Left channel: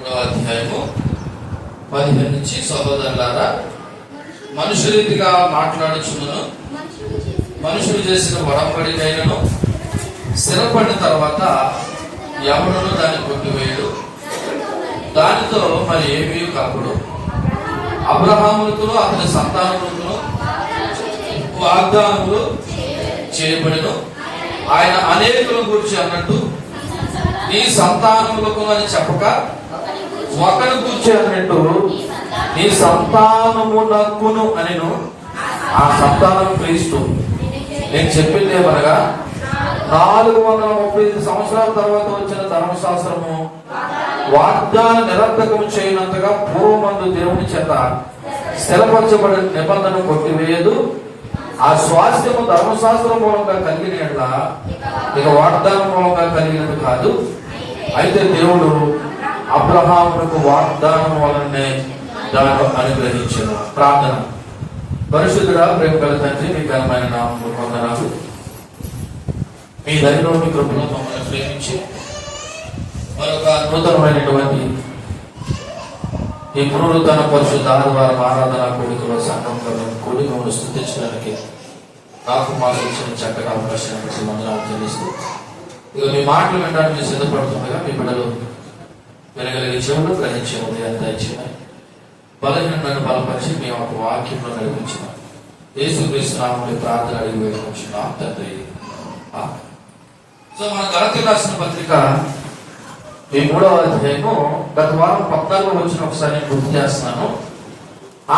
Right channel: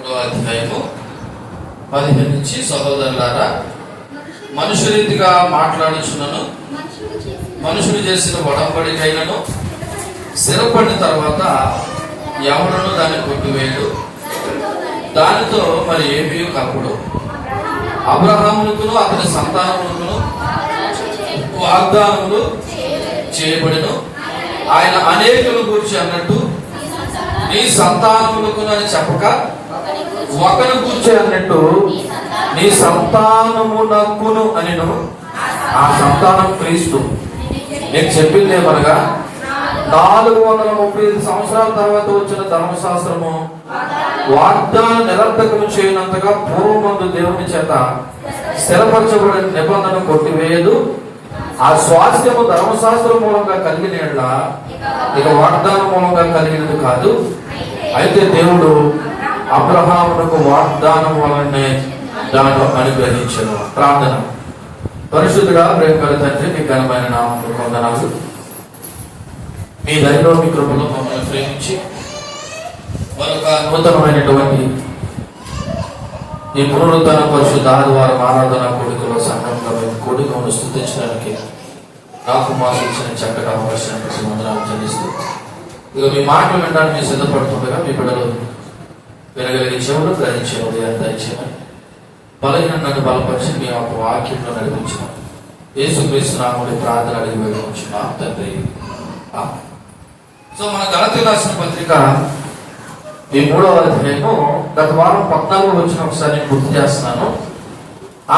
అధ్యాయము 15 నుంచి, సహోదరులారా, మనుషు రీతిగా మాట్లాడుచున్నను, మనుషులు చేసిన ఒడంబడికైనను స్థిరపడిన తర్వాత ఎవరును దాన్ని కొట్టివేయడు, దానితో మరి ఏమీ కలపడు. అబ్రహాములకును అతని సంతానములకును వాగ్దానములు చేయబడిను. ఆయన అనేకుల గురించి అన్నట్టు నీ సంతానములకు అని చెప్పక ఒకరి గురించి అన్నట్టు నీ సంతానమునకును అనిను. ఆ సంతానం క్రీస్తు. నేను చెప్పింది ఏమనగా 435 సంవత్సరాల తర్వాత వచ్చిన ధర్మశాస్త్రము వాగ్దానం నిరర్థకం చేయనంతగా పూర్వమందు దేవుని చేత స్థిరపరచబడిన నిబంధన కొట్టివేయదు. ఆ స్వాస్థ్యము ధర్మశాస్త్రం మూలంగా కలిగిన ఎడల ఇక వాగ్దానం మూలంగా కలిగినది కాదు. అయితే దేవుడు అబ్రహామునకు వాగ్దానం వలనే దానిలో అనుగ్రహించారు. ప్రార్థన. పరిశుద్ధుడా, ప్రేమ తండ్రి, మీ ఘనమైన నామములో వందనాలు. మీ దయలో మీ కృపలో మమ్మల్ని ప్రేమించి మరొక నూతనమైనటువంటి ఈ పునరుద్ధరణ పరిశుద్ధ ఆదివారం ఆరాధన కోడికలో సంఘంలో కోడికను స్తుతించడానికి నాకు మాకు ఇచ్చిన చక్కటి అవకాశాన్ని వందనాలు చెల్లిస్తూ, ఇక మీ మాటలు వినడానికి మీరు సిద్ధపడుతుండగా మీ బిడ్డలు వినగలిగే చెవులు గ్రహించే ఉదయం దయచేయమని, బలహీనను బలపరిచి మీ యొక్క వాక్యంలో నడిపించిన యేసుక్రీస్తు నామములో ప్రార్థన అడిగి వేడుకొంచున్నాం తండ్రి. సో మన గలతీ రాసిన పత్రిక ఈ 3వ అధ్యాయము గత వారం 14 వచ్చిన ఒకసారి నేను గుర్తు చేస్తున్నాను.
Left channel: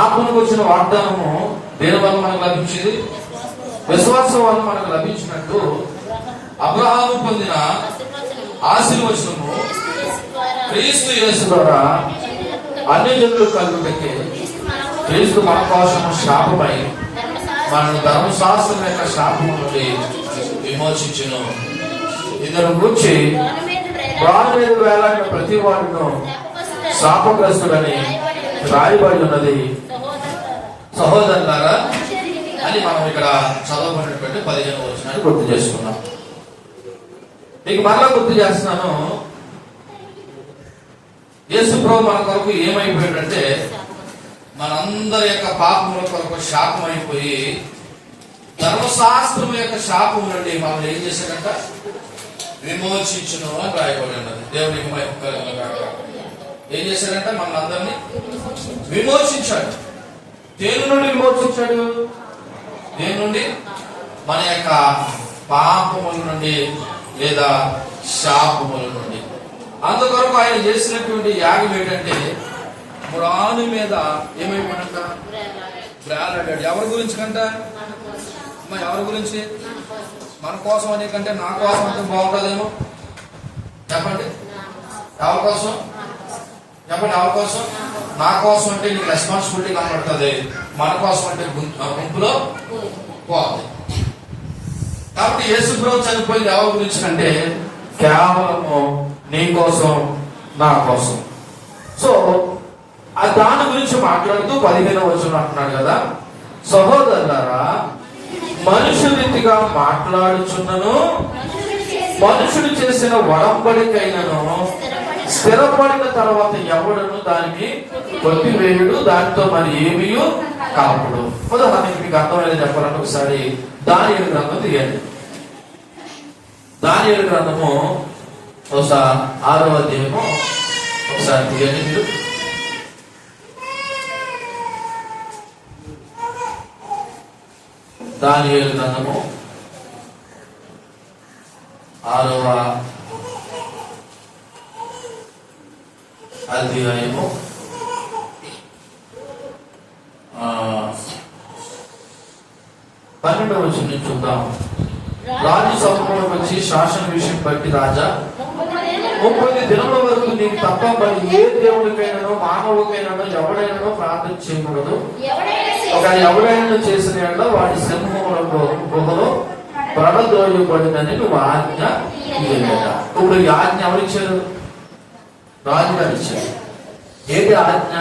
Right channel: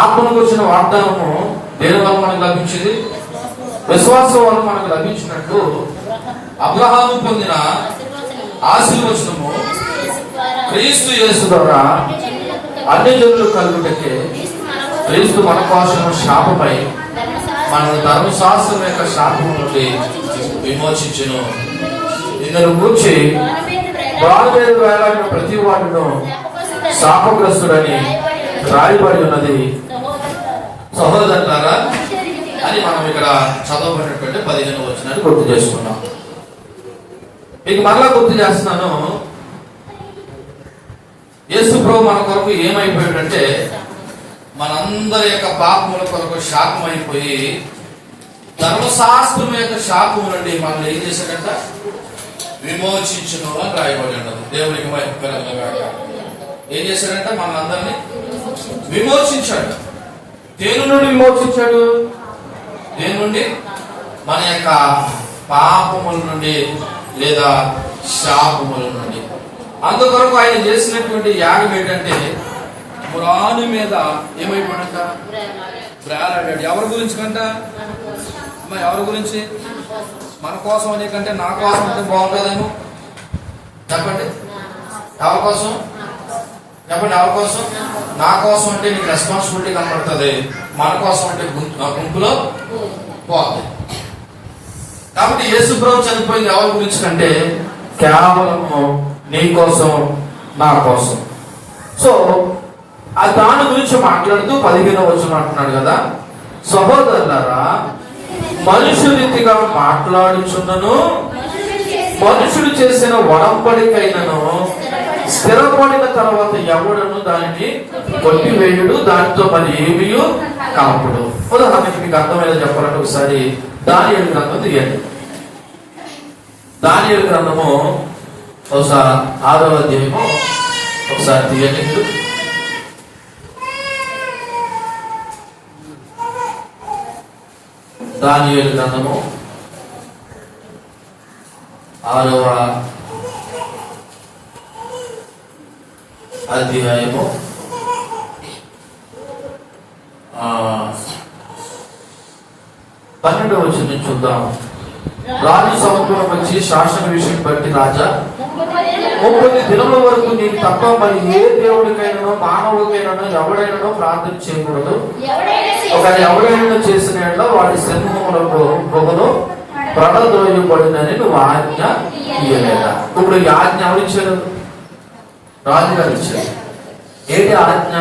ఆత్మకు వచ్చిన వాగ్దానము దేని వల్ల మనకు లభించింది? విశ్వాసం వల్ల మనకు లభించినట్టు అబ్రహాము పొందిన ఆశీర్వచనము క్రీస్తు యేసు ద్వారా అన్ని జనులు కలుగుటకే క్రీస్తు మన కోసం శాపమై మన ధర్మశాస్త్రం యొక్క శాపము నుండి విమోచించును. ఇందులో కూర్చి బాధపడి వేలాడిన ప్రతి వాడును శాపగ్రస్తుడని రాయబడి ఉన్నది సహోదరులారా అని మనం ఇక్కడ చదవబడినటువంటి 15వ వచనాన్ని గుర్తు చేసుకున్నాం. మీకు మరలా గుర్తు చేస్తున్నాను. యేసు ప్రభు మన కొరకు ఏమైపోయాడంటే మనందరి యొక్క పాపముల కొరకు శాపం అయిపోయి ధర్మశాస్త్రం యొక్క శాపం నుండి మనల్ని ఏం చేశాడంట? విమోచించును అని రాయబడి ఉన్నది. దేవునికి ఏం చేశాడంటే మనందరినీ విమోచించాడు. దేని నుండి విమోచించాడు? దేని నుండి? మన యొక్క పాపముల నుండి లేదా శాపముల నుండి. అందుకొరకు ఆయన చేసినటువంటి యాగం ఏంటంటే మురాను మీద ఏమైపోయాడంట? బ్రాలాడాడు. ఎవరి గురించి కంట? ఎవరి గురించి? మన కోసం అనే కంటే నా కోసం అంటే బాగుంటుందేమో. చెప్పండి, ఎవరి కోసం? చెప్పండి, ఎవరి కోసం? నా కోసం అంటే నీకు రెస్పాన్సిబిలిటీ కనబడుతుంది, మన కోసం అంటే గుంపులో పోతుంది. కాబట్టి యేసు ప్రభు చనిపోయింది ఎవరి గురించి కంటే కేవలము నీ కోసం, నా కోసం. సో ఆ దాని గురించి మాట్లాడుతూ 15వ వచనం అంటున్నాడు కదా, సహోదరులారా, మనుషు రీతిగా మాట్లాడుచున్నను, మనుషుడు చేసిన ఒడంబడికైనను స్థిరపడిన తర్వాత ఎవడను దానిని కొట్టివేయుడు, దానితో మరి ఏమీ కలపడు. ఉదాహరణకి మీకు అర్థమయ్యేది చెప్పాలంటే ఒకసారి దానియేలు గ్రంథం తీయండి. దానియేలు గ్రంథము ఒకసారి 6వ అధ్యాయము ఒకసారి తీయండి. దానియేలు గ్రంథము 6వ అధ్యాయము 12వ వచనం చూద్దాం. రాజు సముఖంలో వచ్చి శాసన విషయం బట్టి, రాజా 30 దినముల వరకు నీకు తప్ప మరి ఏ దేవుడికైనా మానవుడికైనా ఎవడైనా ప్రార్థన చేయకూడదు. ఒక ఎవడైనా చేసిన వాడి సింహములకు గృహలో పడదోయబడినని నువ్వు ఆజ్ఞ ఇయ్యలేదా? ఇప్పుడు ఈ ఆజ్ఞ ఎవరిచ్చారు? రాజుగారు ఇచ్చారు. ఏంటి ఆజ్ఞ?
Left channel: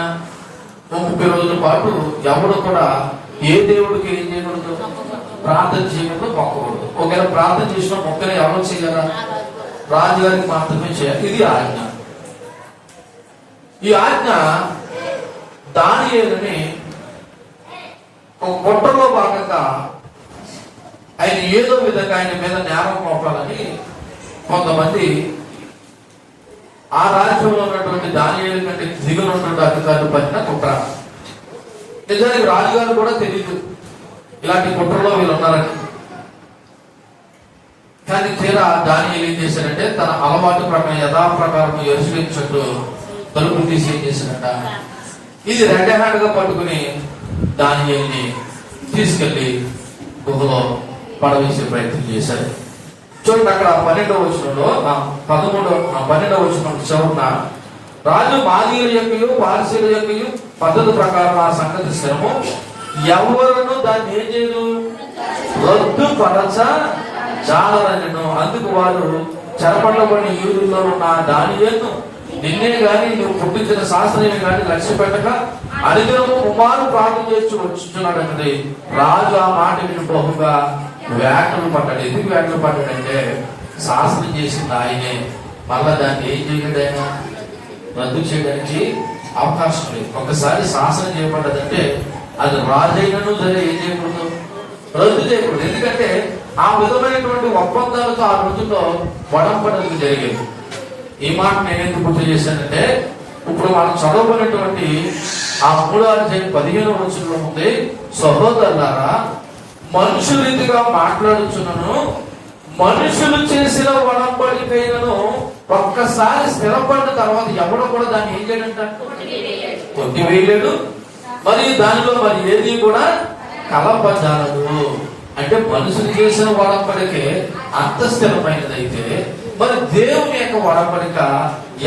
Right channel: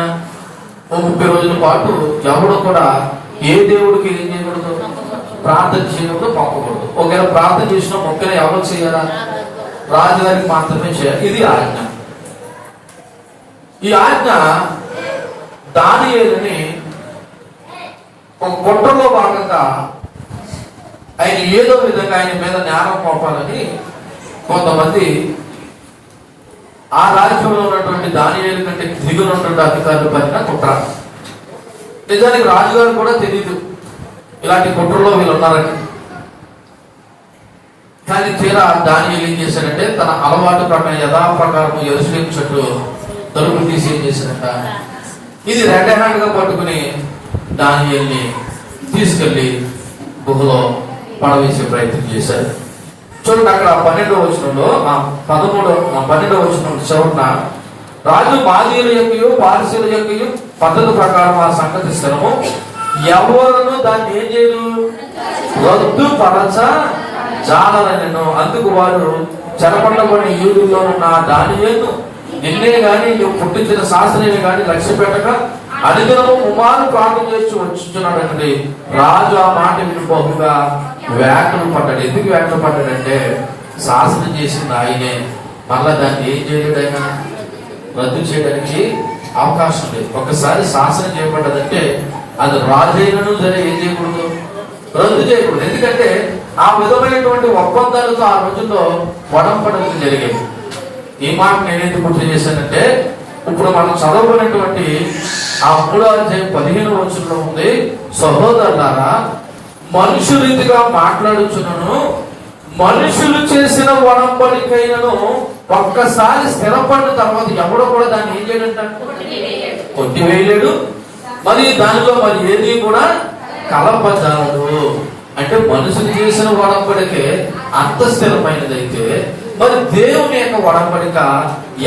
30 రోజుల పాటు ఎవడు కూడా ఏ దేవుడికి ఏం చేయకూడదు? ప్రార్థన చేయకూడదు, మొక్కకూడదు. ఒకవేళ ప్రార్థన చేసిన మొక్కలు ఎవరు చేయాలా? రాజుగారికి మాత్రమే చేయాలి. ఇది ఆజ్ఞ. ఈ ఆజ్ఞ దానియేలుని ఒక కుట్రలో భాగంగా ఆయన ఏదో విధంగా ఆయన మీద నేరం మోపాలని కొంతమంది ఆ రాజ్యంలో ఉన్నటువంటి దానియేలు కంటే దిగులున్నటువంటి అధికారులు పైన కుట్ర. నిజానికి రాజుగారు కూడా తెలియదు ఇలాంటి కుట్రలో వీళ్ళు ఉన్నారని. కానీ తీరా దానియేలు ఏం చేశారంటే తన అలవాటు ప్రకారం యథాప్రకారం యెరూషలేము చుట్టూ తలుపులు తీసి ఏం చేశారంట, ఇది రెడ్ హ్యాండ్ గా పట్టుకుని దానియేలుని తీసుకెళ్లి గుహలో పడవేసే ప్రయత్నం చేశారు. చూడండి అక్కడ 12వ వచనంలో 12వ వచనం చివరన రాజు మాదీయుల యొక్కయు పారసీయుల యొక్కయు పద్ధతి ప్రకారం ఆ సంగతి శ్రమ ఎవరును దాన్ని ఏం చేయదు, రద్దు పరచ చాలనెను. అందుకు వారు చెరపట్టబడిన యూదుల్లో ఉన్న దానియేలును నిన్నే గాని నువ్వు పుట్టించిన శాస్త్రీయుని గాని లక్ష్య పెట్టక అనుదినము కుమారు ప్రార్థన చేసి వచ్చున్నాడండి. రాజు ఆ మాట విని బహుగా వేటలు పడ్డాడు. ఎందుకు వేటలు పడ్డాడంటే శాసనం చేసింది ఆయనే, మళ్ళా దాన్ని ఏం చేయడైనా రద్దు చేయడానికి అవకాశం లేదు. ఒకసారి శాసనం చేయబడ్డదంటే అది రాజైనను సరే ఏం చేయకూడదు, రద్దు చేయకూడదు. ఎందుకంటే ఆ విధమైనటువంటి ఒప్పందాలతో ఆ రోజుల్లో వడంపడలు జరిగేవి. ఈ మాట నేనేంటి గుర్తు చేశానంటే ఇప్పుడు మనం చదువుకున్నటువంటి ఆ 3:15 వచనంలో ఉంది, సహోదరులారా మనుషు రీతిగా మాట్లాడుచున్నను మనుషులు చేసిన వడంబడికైనను ఒక్కసారి స్థిరపడిన తర్వాత ఎవడు కూడా దాన్ని ఏం చేయడంట, కొట్టివేయలేడు. మరి దానిలో మరి ఏది కూడా కలపజాలడు. అంటే మనుషులు చేసిన వడంబడికే అంత స్థిరమైనదైతే మరి దేవుని యొక్క వడంబడిక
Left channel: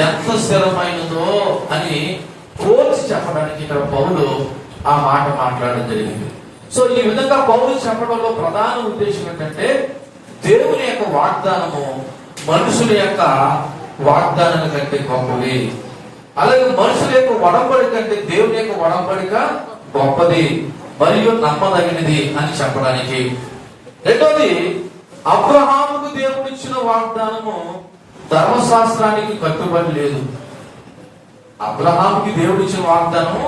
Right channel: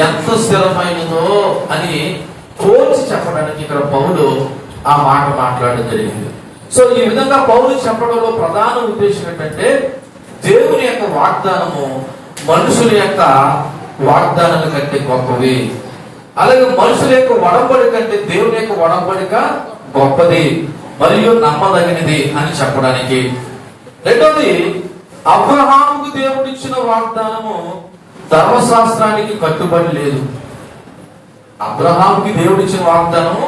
ఎంత స్థిరమైనదో అని పోల్చి చెప్పడానికి ఇక్కడ పౌలు ఆ మాట మాట్లాడడం జరిగింది. సో ఈ విధంగా పౌలు చెప్పడంలో ప్రధాన ఉద్దేశం ఏంటంటే దేవుని యొక్క వాగ్దానము మనుషుల యొక్క వాగ్దానాల కంటే గొప్పది, అలాగే మనుషుల యొక్క వడంబడిక కంటే దేవుని యొక్క వడంబడిక గొప్పది మరియు నమ్మదగినది అని చెప్పడానికి. రెండోది, అబ్రహాముకు దేవుడిచ్చిన వాగ్దానము ధర్మశాస్త్రానికి కట్టుబడి లేదు. అబ్రహాముకి దేవుడిచ్చిన వాగ్దానము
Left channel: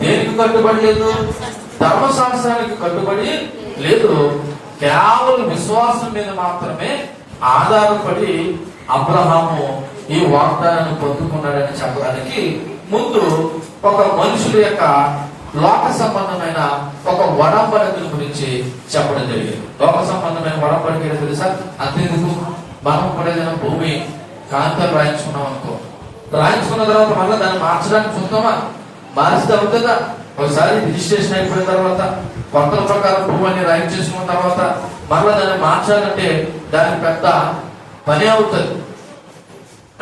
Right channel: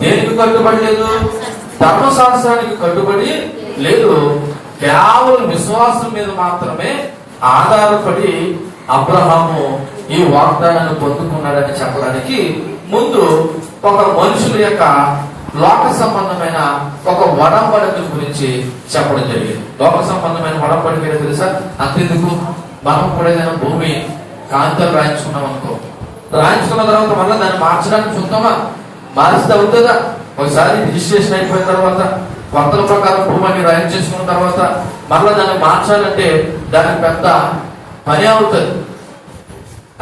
దేనికి కట్టుబడి లేదు, ధర్మశాస్త్రానికి కట్టుబడి లేదు. కేవలం విశ్వాసం మీద మాత్రమే ఆధారపడి అబ్రహాము ఈ వాగ్దానాన్ని పొందుకున్నాడని చెప్పడానికి ముందు ఒక మనుషుల యొక్క లోక సంబంధమైన ఒక వడంబడిక గురించి చెప్పడం జరిగింది. లోక సంబంధమైన వడంబడిక ఏదో తెలుసా? అంతేందుకు, మనం కూడా ఏదైనా భూమి కాంతలు రాయించుకున్నాం అనుకో, రాయించుకున్న తర్వాత మళ్ళీ దాన్ని మార్చడానికి చూద్దామా? మార్చితే అవుతుందా? ఒకసారి రిజిస్ట్రేషన్ అయిపోయిన తర్వాత కొత్తల ప్రకారం భూమిని రాయించేసుకున్న తర్వాత మళ్ళీ దాన్ని మార్చాలంటే దానికి పెద్ద పని అవుతుంది.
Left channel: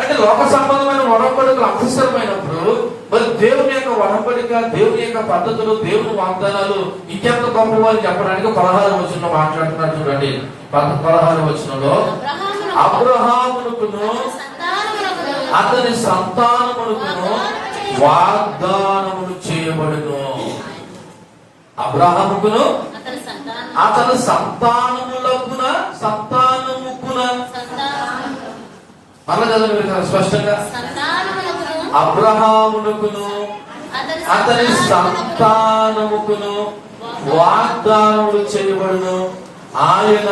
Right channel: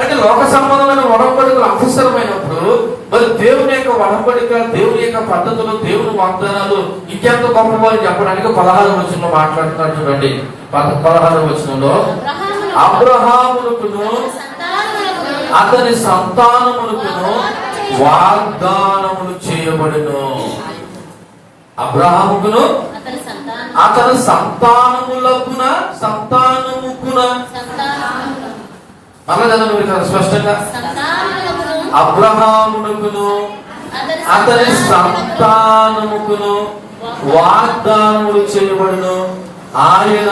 అంటే లోక సంబంధమైన వడంబడికలు అవసరమైనప్పుడు మరి దేవుని యొక్క వడంబడిక, దేవుని యొక్క పద్ధతులు, దేవుని వాగ్దానాలు ఇంకెంత గొప్పవారు చెప్పడానికి 16వ వచనంలో మాట్లాడుతున్నారు. చూడండి 16వ వచనంలో అబ్రహామునకును అతని సంతానమునకును వాగ్దానములు చేయబడును. అబ్రహాముకును అతని సంతానములకున మళ్ళా చదవండి స్పష్టంగా, అబ్రహామునకును అతని సంతానముకును వాగ్దానములు చేయబడును. ఆయన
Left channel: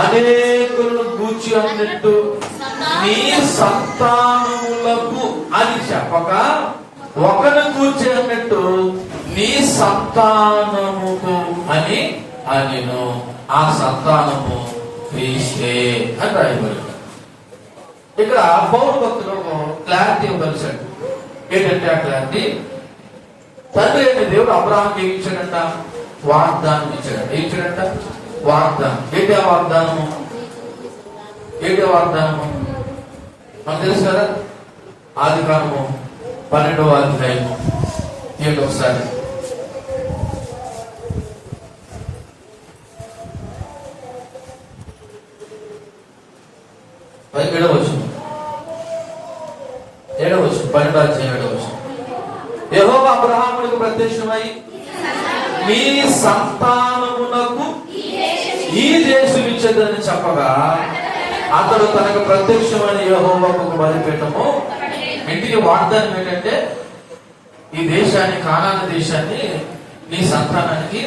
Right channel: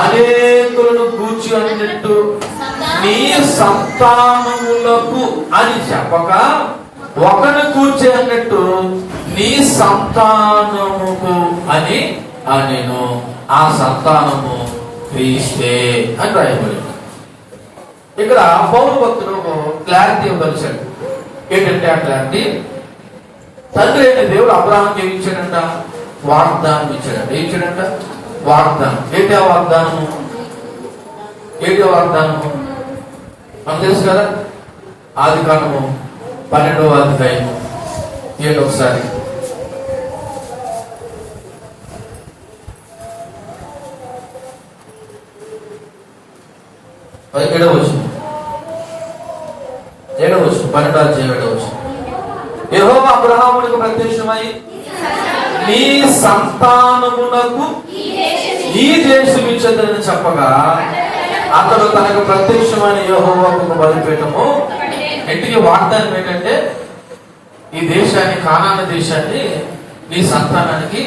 అనేకులను గూర్చి అన్నట్టు నీ సంతానములకు అని చెప్పక ఒకరిని కూర్చి అన్నట్టు నీ సంతానముకు అని నేను ఆ సంతానము క్రీస్తే అని రాయబడింది. ఇక్కడ పౌలు భక్తుడు క్లారిటీ ఇవ్వగలిచాడు. ఏంటంటే ఆ క్లారిటీ, తండ్రి అయిన దేవుడు అబ్రహాంకి ఏమి ఇచ్చాడంట, వాగ్దానం ఇచ్చాడంట. ఏం ఇచ్చాడంట? వాగ్దానం. ఏంటి ఆ వాగ్దానము? ఏంటి వాగ్దానము మనకు తెలుసు కదా. ఆదికాండము 12వ అధ్యాయము ఏంటి ఒకసారి 17వ వచనం 12వ అధ్యాయం 7వ వచనం. యెహోవా అబ్రహామునకు ప్రత్యక్షమై నీ సంతానమునకు ఈ దేశం ఇచ్చేదని చెప్పగా అతడు తనకు ప్రత్యక్షమైన యెహోవాకు బలిపీఠము ఇంటికి వాగ్దానం ఏంటంటే ఈ దేశాన్ని, కానాను దేశాన్ని నీ సంతానానికి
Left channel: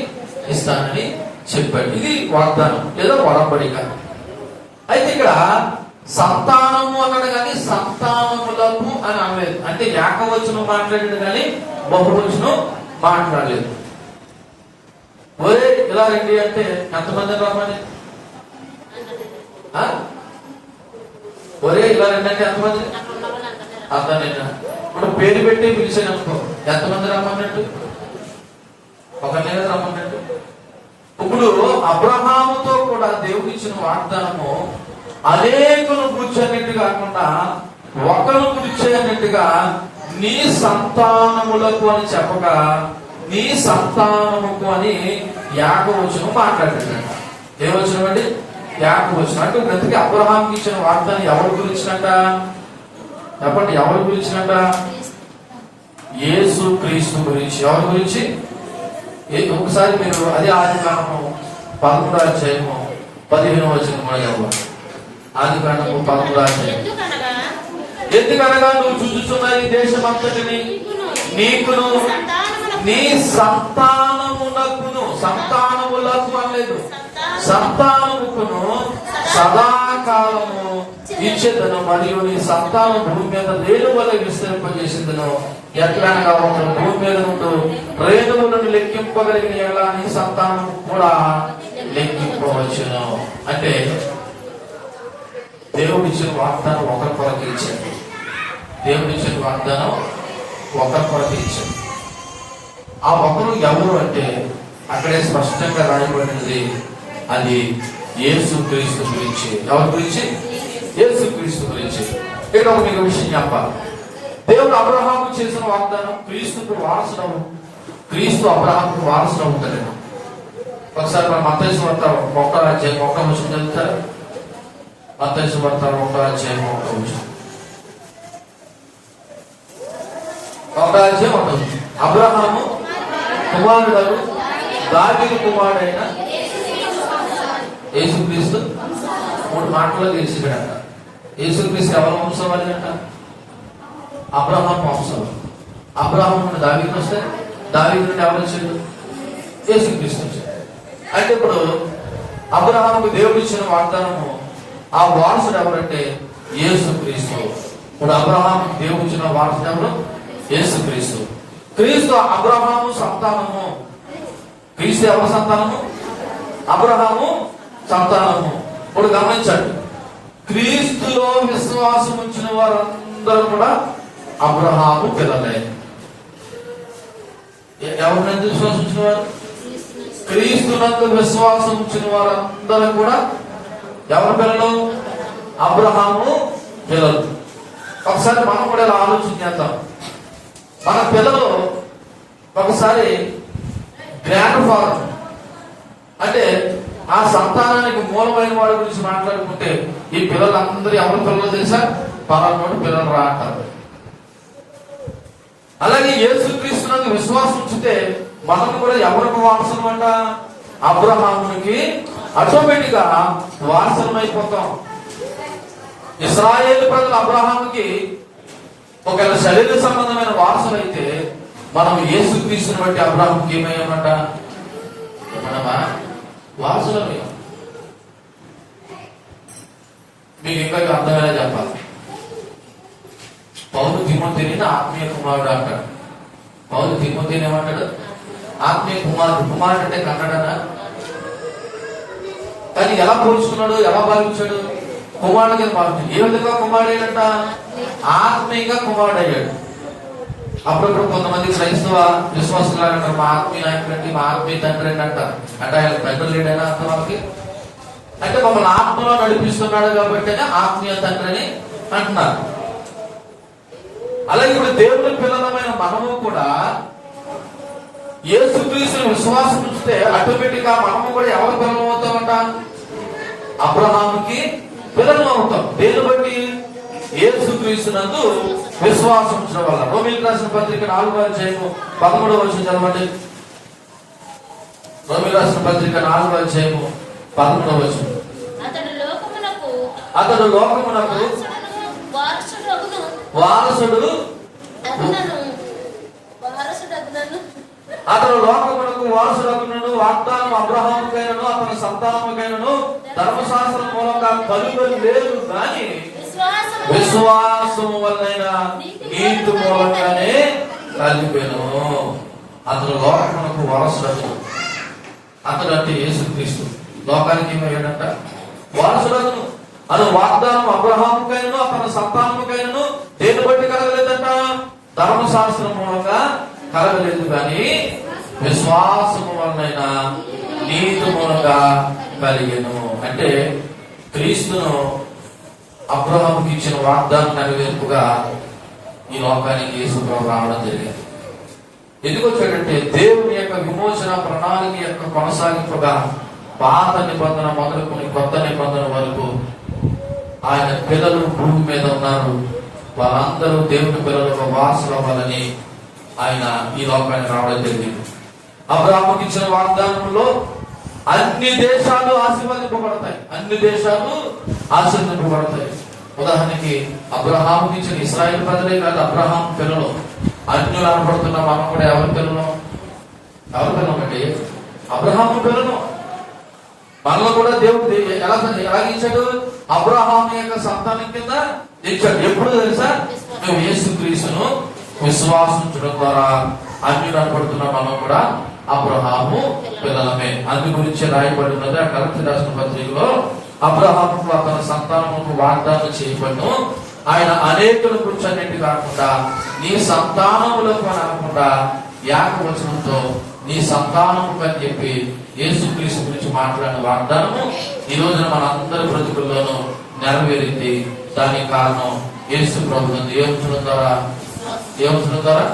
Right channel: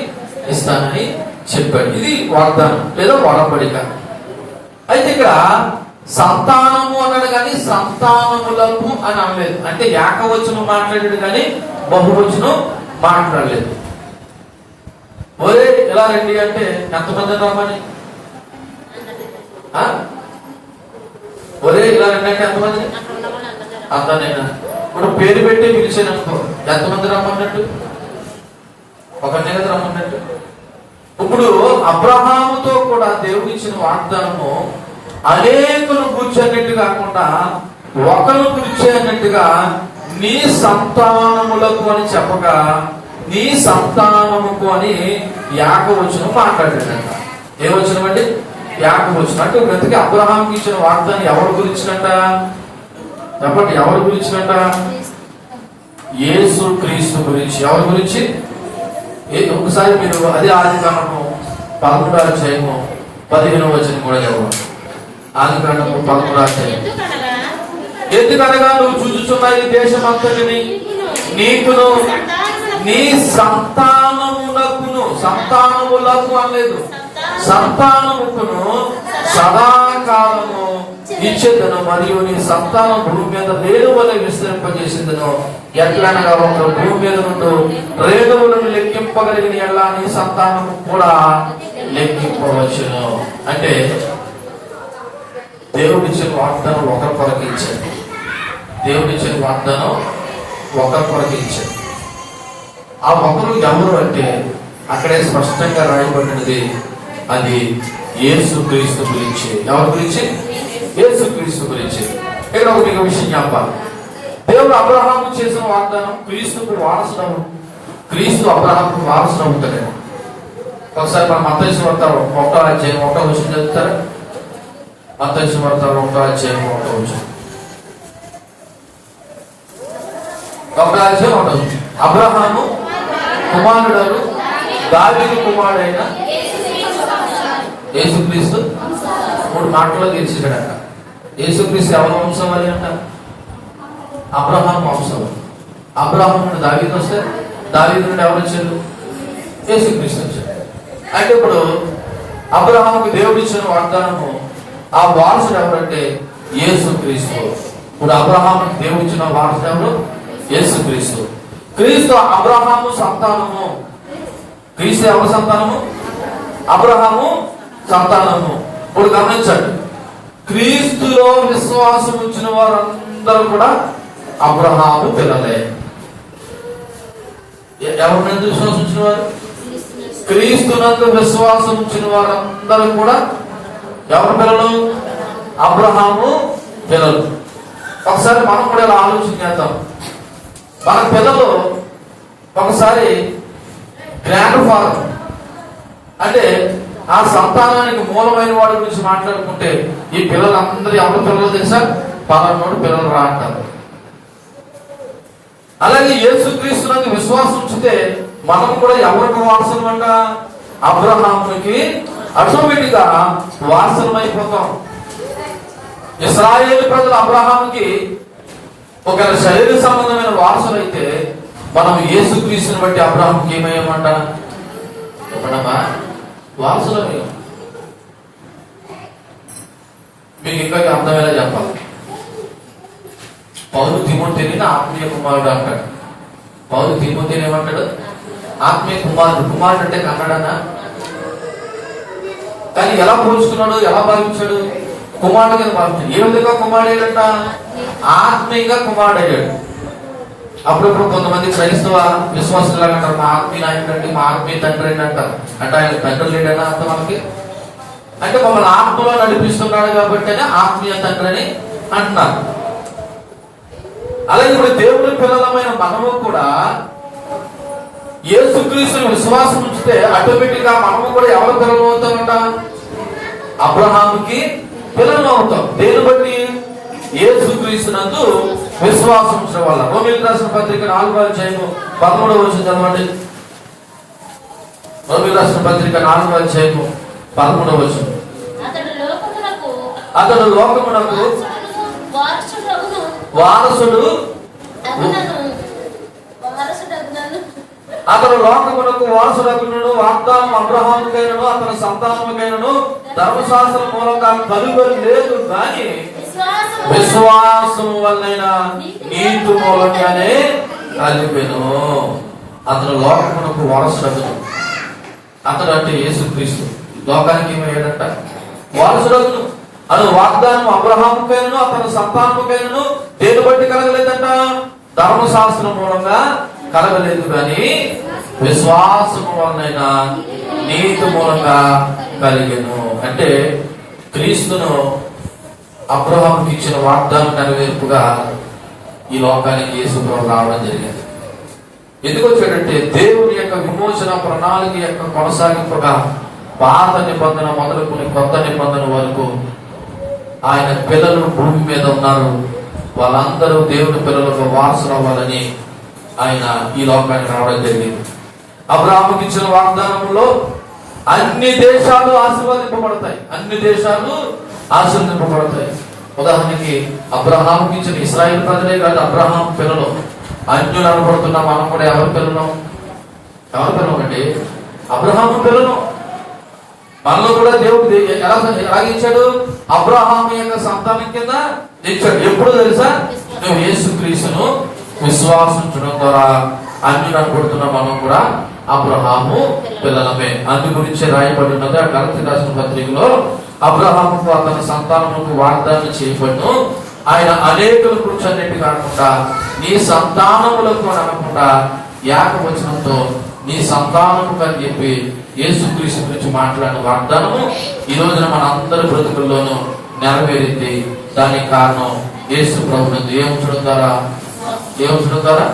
ఇస్తానని చెప్పాడు. ఇది వాగ్దానం లేదా వడబడిక. అయితే ఇక్కడ సంతానము అన్నాడు కానీ సంతానములకు అని అనలేదు. అంటే ఏకవచనం మాట్లాడాడు కానీ బహువచనం మాట్లాడలేదు. ఒరే ఎలా రండి అంటే ఎంతమంది రామని, ఒరే ఇలా రండి అంటే ఎంతమంది? అంతనేనా? ఇప్పుడు పేరు పెట్టి పిలిచాననుకో ఎంతమంది రమ్మన్నట్టు? ఒకరినే కదా రమ్మన్నట్టు. ఇప్పుడు అబ్రహాముతో కూడా దేవుడు ఇచ్చిన వాగ్దానము అనేకులు కూర్చోన్నట్టు కాకుండా ఒకరు కూర్చోన్నట్టుగా నీ సంతానములకు అని చెప్పగా నీ సంతానముకు అని యాకవచనం మాట్లాడాడంట. ఏమొచ్చనం అండి? యాకవచనం. అంటే బ్రతికి అబ్రహాంకి ఇచ్చిన వాగ్దానం ఎవరు గురించినట్ట? చెప్పండి, ఎవరు గురించినట్ట? యేసు క్రీస్తు గురించి. ఎవరి గురించి? ఒకసారి మీరు అదే ఆదికాండము 13వ అధ్యాయము 15వ వచనం కూడా చదవండి. ఆదికాండము 13వ అధ్యాయం. ఎందుకనగా నువ్వు చూచుచున్న ఈ దేశం అంతటిని నీకును నీ సంతానమునకును, సంతానములకు అనలేదు, సంతానముకును సదాకాలము ఇచ్చేదను, మరియు నీ సంతానం భూమి మీద రేణువుల విస్తరింపజేసేదను. ఎట్లనగా ఒక భూమి మీద నుండి రేణువులను లెక్కింపగలిగిన ఎట్లా నీ సంతానం కూడా లెక్కింపవచ్చును. అంటే దేవుడిచ్చిన వాగ్దానం ఒకరి కొరకు ఇచ్చాడు. దేవుడిచ్చిన వాగ్దానం ఒకరి కొరకు ఇచ్చాడు. ఆ ఒకరు ఎవరు అంటే అక్కడే స్పష్టంగా రాయబడినది, అది యేసు క్రీస్తు గురించి. ఎవరి గురించి? యేసు క్రీస్తు గురించి. ఇక్కడ ఒక విషయం చెప్పాలి. దేవుడు అబ్రహాము చేసిన వాగ్దానం క్రీస్తుకు వారసుడు. క్రీస్తు అబ్రహాముకు వారసుడు అవుతాడు. ఒకసారి మనం మత్తయి సువార్త 1వ అధ్యాయం 1వ వచనం చదువుతారా? మత్తయి సువార్త 1వ అధ్యాయం 1వ వచనం. 1వ అధ్యాయం 1వ వచనం. అబ్రహాము కుమారుడు దావీదు కుమారుడైన యేసుక్రీస్తు 3 మాటల్లో తీర్చిగాడట. యేసుక్రీస్తు ఎవరి వంశం అని అంట? అబ్రహాం వంశం. అబ్రహాం నుండి దావీదు వస్తే దావీదు నుండి ఎవరు వచ్చారు? యేసుక్రీస్తు వచ్చారు. అంటే ఇప్పుడు అబ్రహాంకి దేవుడు ఇచ్చిన వాగ్దానము ఆ వారసుడు ఎవరంటే యేసుక్రీస్తు. ఇప్పుడు అబ్రహాంకి దేవుడు ఇచ్చిన వారసుడు ఎవరు? యేసుక్రీస్తు. క్రీస్తు అబ్రహాము సంతానము. క్రీస్తు ఎవరి సంతానము? అబ్రహాము సంతానము. ఇప్పుడు గమనించండి, క్రీస్తులో విశ్వాసం ఉంచిన వారందరూ కూడా అబ్రహాము పిల్లలే. ఎవరినందు విశ్వాసం ఉంచిన వారు? క్రీస్తునందు విశ్వాసం ఉంచిన వారందరూ కూడా ఎవరి పిల్లలు? అబ్రహాము పిల్లలు. ఒకసారి మనం కూడా ఇలా ఆలోచన చేద్దాం. మన పిల్లలు ఒకసారి గ్రాండ్ ఫాదర్ అంటే ఆ సంతానానికి మూలమైన వాడి గురించి మాట్లాడుకుంటే ఈ పిల్లలందరూ ఎవరి పిల్లలు తెలుసా? పలానోడు పిల్లలు రా అంటారు. అలాగే యేసుక్రీస్తునందు విశ్వాసం ఉంచితే మనం కూడా ఎవరికి వారసులు అంట? అబ్రహామునికి ఆటోమేటిక్ గా వారసులం అయిపోతాం. ఇశ్రాయేలు ప్రజలు అబ్రహాముకి ఒక శరీర సంబంధమైన వారసులు అయితే మనం యేసుక్రీస్తుని బట్టి అబ్రహాముకి ఏమయ్యామంట? వారసులమే. మీకు ఇంకా అర్థమయ్యేలా చెప్పాలి. పౌలు తిమోతిని ఆత్మీయ కుమారుడు అంటాడు. పౌలు తిమోతిని ఏమంటాడు? ఆత్మీయ కుమారుడు. కుమారుడు అంటే కన్నడనా? కానీ ఎలా పోల్చుకున్నాడు? ఎలా భావించాడు? కుమారుడు కింద భావించాడు. ఏ విధంగా కుమారుడేడంట? ఆత్మీయంగా కుమారుడయ్యాడు. అప్పుడప్పుడు కొంతమంది క్రైస్తవ విశ్వాసులు అంటారు, మా ఆత్మీయ నాయకుడు అండి, మా ఆత్మీయ తండ్రి అండి అంటారు. అంటే ఆయన తండ్రి లేడనా అర్థం వాళ్ళకి? అంటే మమ్మల్ని ఆత్మలో నడిపిస్తున్నాడు కాబట్టి ఆత్మీయ తండ్రి అని అంటున్నారు. అలాగే ఇప్పుడు దేవుడి పిల్లలమైన మనము కూడా యేసుక్రీస్తుని విశ్వాసం ఉంచితే ఆటోమేటిక్ గా మనము కూడా ఎవరి పిల్లలు అవుతామంట? అబ్రహాముకి పిల్లలు అవుతాం. దేని బట్టి? యేసుక్రీస్తునందు విశ్వాసం ఉంచిన వాళ్ళ. రోమీయులకు రాసిన పత్రిక 4వ అధ్యాయం 13వ వచనం చదవండి. రోమీయులకు రాసిన పత్రిక 4వ అధ్యాయం 13వ వచనం. అతడు లోకమునకు వారసుడు అతను లోకమునకు వారసుడగును, వాగ్దానం అబ్రహాముకైనను అతని సంతానముకైనను ధర్మశాస్త్రం మూలంగా కలుగని లేదు కానీ విశ్వాసము వలన నీతి మూలంగానే కలిగెను. అతను లోకమునకు వారసుడగును. అతడు అంటే యేసుక్రీస్తు లోకానికి ఏమయ్యాడంట? వారసుడగును. అతను వాగ్దానం అబ్రహాముకైనను అతని సంతానముకైనను దేని బట్టి కలగలేదంట? ధర్మశాస్త్రం మూలంగా కలగలేదు కానీ విశ్వాసం వలన నీతి మూలంగా కలిగెను. అంటే క్రీస్తును అబ్రహాముకి ఇచ్చిన వాగ్దానం నెరవేర్పుగా ఈ లోకానికి యేసు ప్రభువు రావడం జరిగింది. ఎందుకు వచ్చాడంటే దేవుని యొక్క విమోచన ప్రణాళిక యొక్క కొనసాగింపుగా పాత నిబంధన మొదలుకుని కొత్త నిబంధన వరకు ఆయన పిల్లలు భూమి మీద ఉన్నారు. వాళ్ళందరూ దేవుని పిల్లలకు వారసులు అవ్వాలని ఆయన ఈ లోకానికి రావడం జరిగింది. అబ్రహాముకి ఇచ్చిన వాగ్దానంలో అన్ని దేశాలు ఆశీర్వదింపబడతాయి. అన్ని దేశాలు ఆశీర్వదింపబడతాయి. ఉదాహరణకి అబ్రహాముకి ఇచ్చిన ఇశ్రాయేల్ ప్రజలే కాదు, అబ్రహాం పిల్లలు అన్యులు అనబడుతున్నా మనం కూడా ఎవరి పిల్లలు? ఎవరి పిల్లలు అంటే అబ్రహాము పిల్లలు. మనలో కూడా దేవుడు ఎలా ఇచ్చాడు? అబ్రహాము యొక్క సంతానం కింద ఇచ్చాడు. ఎప్పుడు తెలుసా? మేము యేసుక్రీస్తును విశ్వాసించడం ద్వారా అన్యులు అనబడుతున్నా మనం కూడా అబ్రహాము పిల్లలమే. అందు గురించి రాయబడి ఉన్నది ఆ గలతీ రాసిన పత్రికలో, అబ్రహాముకు అతని సంతానముకు వాగ్దానం చేయబడును, ఆయన అనేకుల గురించి అన్నిటి కాకుండా నీ సంతానములకు అనకుండా ఏకవచనంతో నీ సంతానము అని చెప్పి యేసుక్రీస్తు గురించి మాట్లాడిన వాగ్దానము ఈ రోజున మన అందరి బ్రతుకుల్లోనూ నెరవేరింది. దానికి కారణం యేసు ప్రభువు ఏముంచడం ద్వారా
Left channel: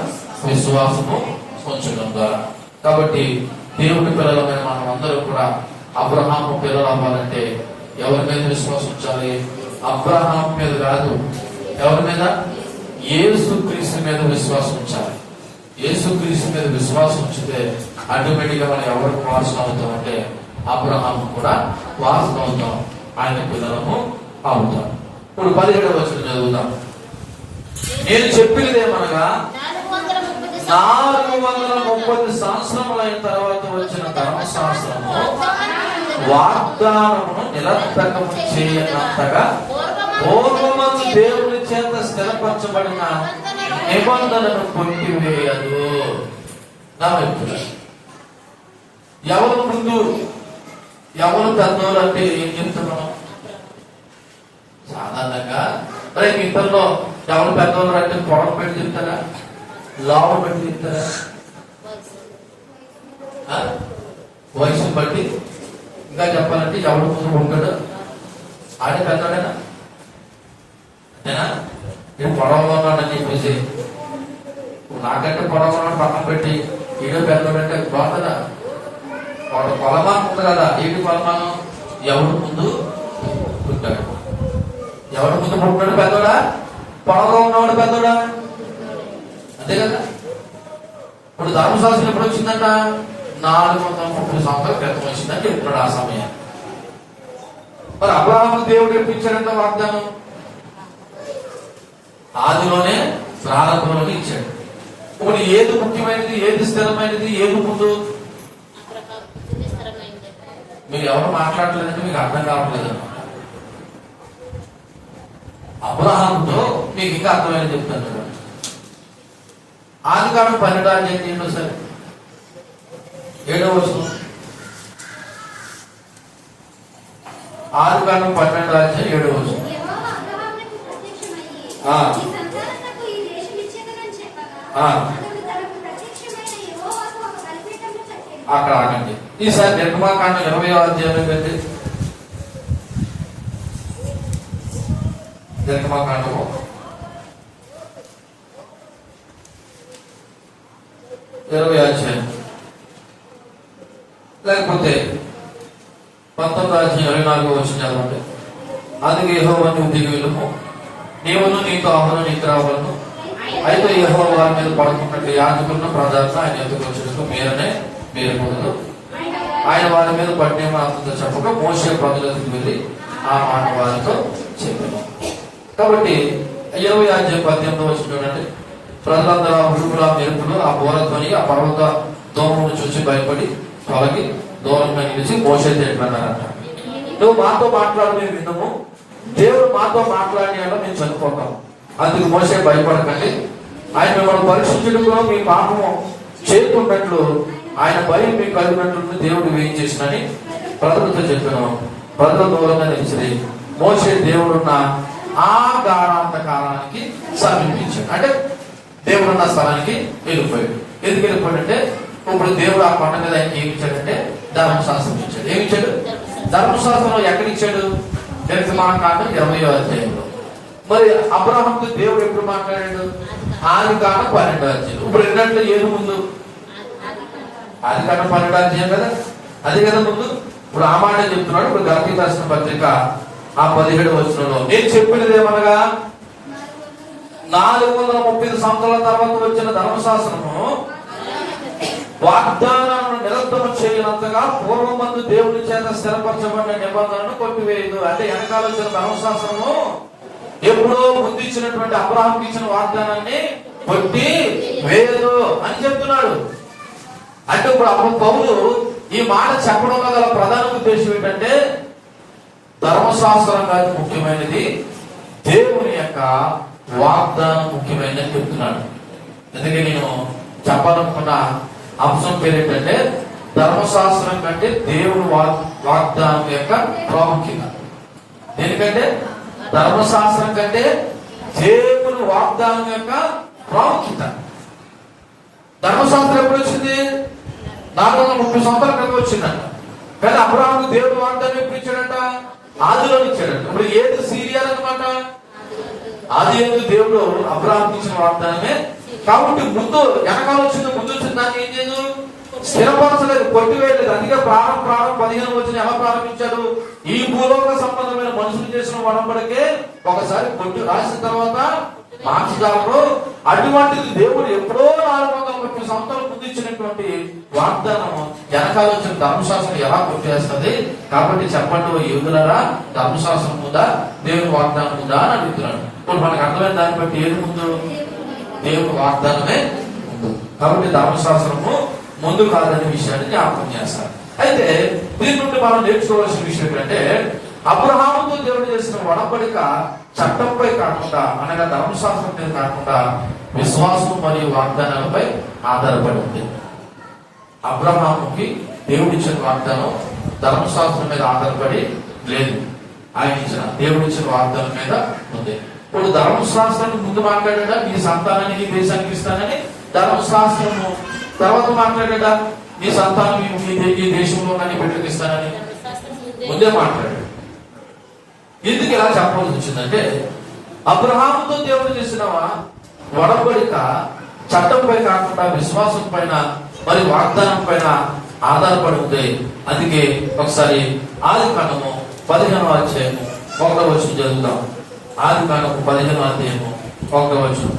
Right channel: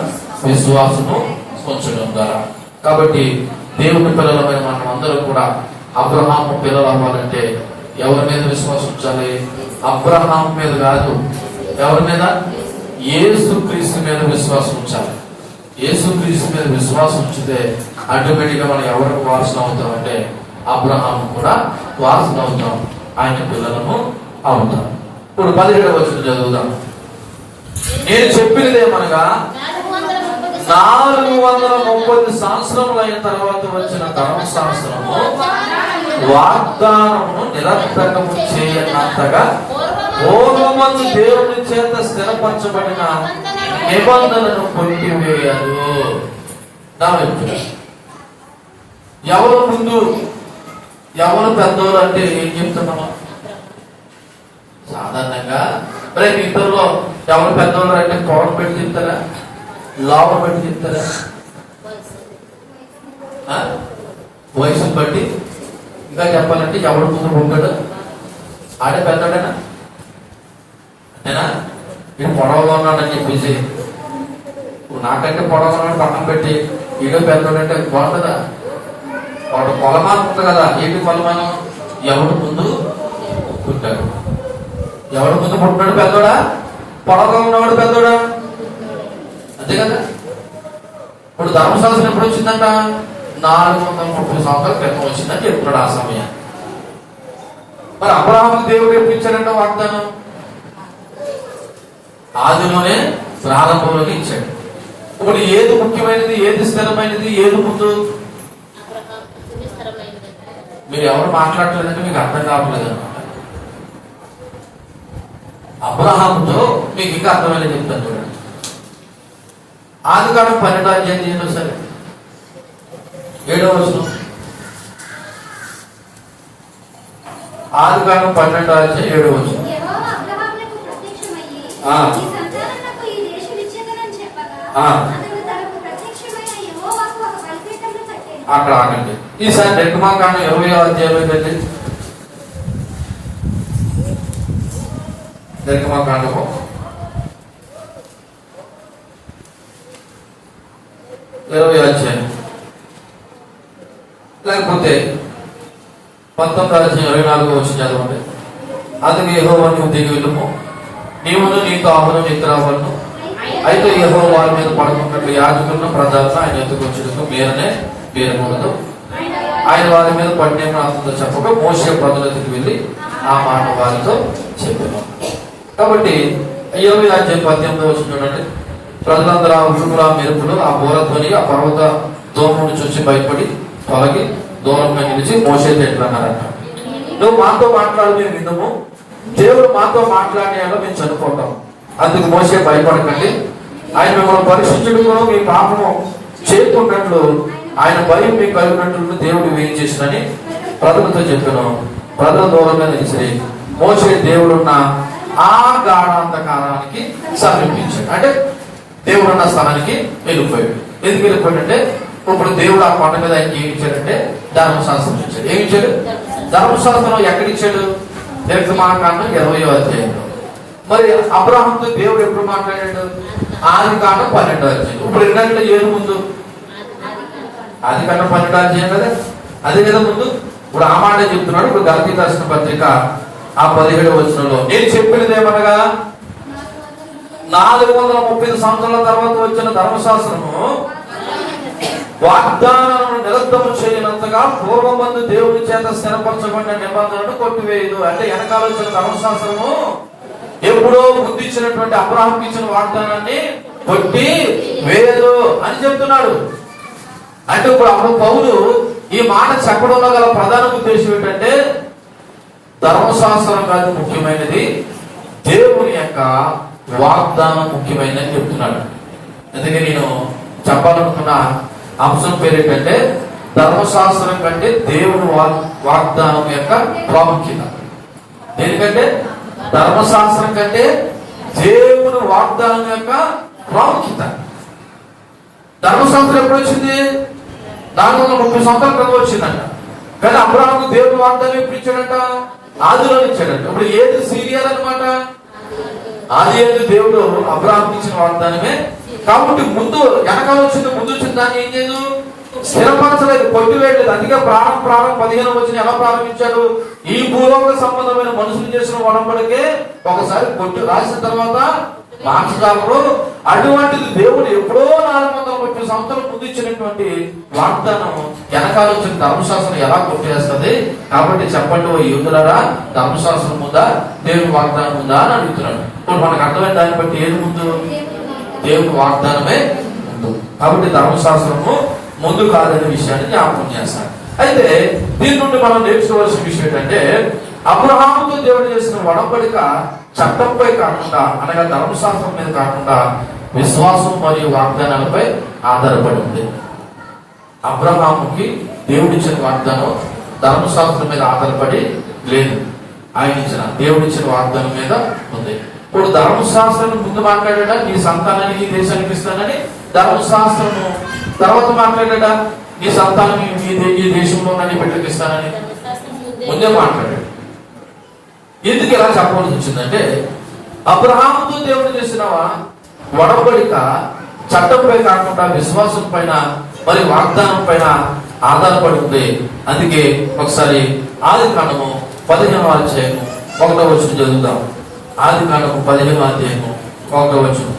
విశ్వాసము ఉంచడం ద్వారా. కాబట్టి దేవుని పిల్లలమైన మనం అందరూ కూడా అబ్రహాము పిల్లలు అవ్వాలంటే ఎవరి మీద విశ్వాసం ఉంచాలి? అబ్రహాం మీద కాదు. ఎవరి మీద? యేసుక్రీస్తు మీద విశ్వాసం ఉంచాలి. యేసుక్రీస్తు మీద విశ్వాసం ఉంచితే ఆటోమేటిక్ గా మనం ఎవరికి వారసులు అవుతాం అంటే అబ్రహాం కూడా వారసులు అవుతాం, ఆయన పిల్లలము అవుతాం. ఇప్పుడు 17వ వచనం చదువుదాం. నేను చెప్పినదేమనగా 430 సంవత్సరములైన తర్వాత వచ్చిన ధర్మశాస్త్రము వాగ్దానము నిరర్థకము చేయనంతగా పూర్వమందు దేవుని చేత స్థిరపరచబడిన నిబంధనను కొట్టివేయదు. ఎవరు ముందు ఎవరు పెద్దోళ్ళు అంటే ఏం చెప్తున్నాం? సాధారణంగా ఇద్దరులో ఎవరు పెద్దోళ్ళు అంటే పొలం పెట్టి చెప్తారా, లాభం పెట్టి చెప్తారా? వయసును బట్టి. ఇంకా చెప్పాలంటే ఎవడు ముందు ఉంటాడు ఆడే పెద్దడేనా? అంతేనా? వీడు పొడవగా ఉన్నాడని చెప్పేసి నాకంటే పొడవగా ఉన్నాడు పక్కన పెట్టి ఈడో పెద్దోడంటే బాగుంటుందా? వాడు కొలమానం ఉంటుంది కదా. ఏంటి కొలమానం? ఎవడు ముందు పుట్టాడు, ఎవడు ముందు పుట్టినాడు పెద్దోడా, పొడవగా ఉన్నవాడు పెద్దోడా? అంతే కదా. ఇప్పుడు ధర్మశాస్త్రం ఎప్పుడు వచ్చిందంట? 430 సంవత్సరాల క్రితం వచ్చిందని చెప్తున్నాడు ఆ సమయం. మరి అబ్రహాముకు దేవుడు ఎప్పుడు ఇచ్చాడంట వాగ్దానం? ఆదిలోనే ప్రారంభంలోనే ఇచ్చాడు. ఇప్పుడు ఏది ముఖ్యమైనది, ఏది స్థిరమైనది, ఏది ముందు? మీరు ఎవరు మాట్లాడలేదంటే మీకు అర్థం కావట్లేదు అన్నమాట. అబ్రహాముతో మీకు ఇంకా అర్థమైనది చెప్తాను చూడండి. ఆదికాండం 12వ అధ్యాయం సరే 7వ వచనం. ఆదికాండం 12వ అధ్యాయం 7వ వచనం. అక్కడ ఆగండి. ఈసారి నిర్గమాకాండం 20వ అధ్యాయంలో వెళ్ళి నిర్గమాకాండము 20వ అధ్యాయం లేకపోతే 19వ అధ్యాయం 24వ వచనం చదవండి. అందుకే యెహోవా నువ్వు దిగి వెళ్ళుము, నీవును నీతో ఆవును నిద్రవలను. అయితే యెహోవా వారి మీద పడుకున్నట్లు యాజకులను ప్రజలను ఆయన ఎత్తుకు వచ్చేందుకు మీరకూడదు. ఆయన వారి మీద పడిన అతనితో చెప్పగా మోషే ప్రజల ఎదుటికి వెళ్ళి ఆ మాట వారితో చెప్పాను. కాబట్టి 20:18 చూడండి. ప్రజలందరూ ఆ ఉరుముల మెరుపులు ఆ బోరధ్వని ఆ పర్వత దోమను చూసి భయపడి తొలగి దూరంగా నిలిచి మోషేతో ఎట్లా అన్నారంట, నువ్వు మాతో మాట్లాడి మేము విన్నాము, దేవుడు మాతో మాట్లాడేలా మేము చదువుకుంటాం, అందుకు మోషే భయపడకండి, ఆయన మిమ్మల్ని పరీక్షించడంలో మీ పాపము చేయకున్నట్లు ఆయన భయం మీకు కలిగినట్లు దేవుడు ఏం చేసినని ప్రజలతో చెప్పాను. ప్రజల దూరంగా నిలిచి మోషే దేవుడున్న ఆ గాఢాంధకారానికి సమీపించాడు. అంటే దేవుడున్న స్థలానికి వెళ్ళిపోయాడు. ఎందుకు వెళ్ళిపోయాడంటే ఇప్పుడు దేవుడు ఆ కొండ మీద ఆయనకి ఏమి ఇచ్చాడంటే ధర్మశాస్త్రం ఇచ్చాడు. ఏమి ఇచ్చాడు? ధర్మశాస్త్రం ఎక్కడిచ్చాడు? నిర్గమాకాండం 20వ అధ్యాయంలో. మరి అబ్రాహాంతో దేవుడు ఎప్పుడు మాట్లాడాడు? ఆదికాండం 12వ అధ్యాయం. ఇప్పుడు ఎన్నట్లు ఏది ముందు? ఆదికాండం 12వ అధ్యాయం కదా, అదే కదా ముందు. ఇప్పుడు ఆ మాట చెప్తున్నాడు. ఇప్పుడు గలతీ రాసిన పత్రిక ఆ 17వ వచనంలో నేను చెప్పినది ఏమనగా 430 సంవత్సరాల తర్వాత వచ్చిన ధర్మశాస్త్రము వాగ్దానాలను నిరర్ధము చేయనంతగా పూర్వమందు దేవుని చేత స్థిరపరచబడిన నిబంధనను కొట్టివేయదు. అంటే వెనకాల వచ్చిన ధర్మశాస్త్రము ఎప్పుడో బుద్ధించినటువంటి అబ్రాహాంకి ఇచ్చిన వాగ్దానాన్ని కొట్టి వేయదు అని చెప్తున్నాడు. అంటే ఇప్పుడు అప్పుడు పౌలు ఈ మాట చెప్పడంలో గల ప్రధాన ఉద్దేశం ఏంటంటే ధర్మశాస్త్రం కాదు ముఖ్యమైనది, దేవుని యొక్క వాగ్దానం ముఖ్యమైనది చెప్తున్నాడు. ఎందుకంటే నేను చెప్పాలనుకున్న అంశం పేరు ఏంటంటే ధర్మశాస్త్రం కంటే దేవుని వాగ్దానం యొక్క ప్రాముఖ్యత. ఎందుకంటే ధర్మశాస్త్రం కంటే దేవుని వాగ్దానం యొక్క ప్రాముఖ్యత. ధర్మశాస్త్రం ఎప్పుడు వచ్చింది? 430 సంవత్సరాల క్రితం వచ్చిందంట. కానీ అబ్రాహాముకు దేవుని వాగ్దానం ఎప్పుడు ఇచ్చాడంట? ఆదిలో ఇచ్చాడంట. ఇప్పుడు ఏది సీరియల్ అనమాట? ఆది ఎందు దేవుడు అబ్రాహాముకి ఇచ్చిన వాగ్దానమే. కాబట్టి ముందు వెనకాల వచ్చింది, ముందు వచ్చిన దాన్ని ఏం చేయదు, స్థిరపరచలేదు, కొట్టివేయలేదు. అందుకే ప్రారంభం 15వ వచనం ఎలా ప్రారంభించాడు? ఈ భూలోక సంబంధమైన మనుషులు చేసిన ఒడంబడికే ఒకసారి కొట్టి రాసిన తర్వాత మార్చగలరు. అటువంటిది దేవుడు ఎప్పుడో 430 సంవత్సరాల ముందు ఇచ్చినటువంటి వాగ్దానం వెనకాల వచ్చిన ధర్మశాస్త్రం ఎలా కొట్టేస్తుంది? కాబట్టి చెప్పండి ఓ యువకులారా, ధర్మశాస్త్రం ముందా దేవుని వాగ్దానం ఉందా అని అడుగుతున్నాడు. ఇప్పుడు మనకు అర్థమైన దాన్ని బట్టి ఏది ముందు? దేవుని వాగ్దానమే ముందు. కాబట్టి ధర్మశాస్త్రము ముందు కాదనే విషయాన్ని జ్ఞాపకం చేస్తారు. అయితే దీని నుండి మనం నేర్చుకోవాల్సిన విషయం ఏంటంటే అబ్రహాముతో దేవుడు చేసిన ఒడంబడిక చట్టంపై కాకుండా, అనగా ధర్మశాస్త్రం మీద కాకుండా విశ్వాసం మరియు వాగ్దానాలపై ఆధారపడి ఉంది. అబ్రహాముకి దేవుడిచ్చిన వాగ్దానం ధర్మశాస్త్రం మీద ఆధారపడి లేదు, ఆయన ఇచ్చిన దేవుడిచ్చిన వాగ్దానం మీద ఉంది. ఇప్పుడు ధర్మశాస్త్రం ముందు మాట్లాడా నీ సంతానాన్ని ఈ దేశానికి ఇస్తానని, ధర్మశాస్త్రము తర్వాత మాట్లాడా నీ సంతానం ఈ దేశంలో నీ బిడ్డకి ఇస్తానని ముందే మాట్లాడాడు. ఎందుకు ఎలా చెప్పవలసి వచ్చిందంటే అబ్రహాముతో దేవుడు చేసిన ఒడంబడిక చట్టంపై కాకుండా విశ్వాసం పైన మరి వాగ్దానం పైన ఆధారపడి ఉంది. అందుకే ఒకసారి ఆదికాండము 15వ అధ్యాయము 1వ వచనం చదువుతాం. ఆదికాండము 15వ అధ్యాయము 1వ వచనం.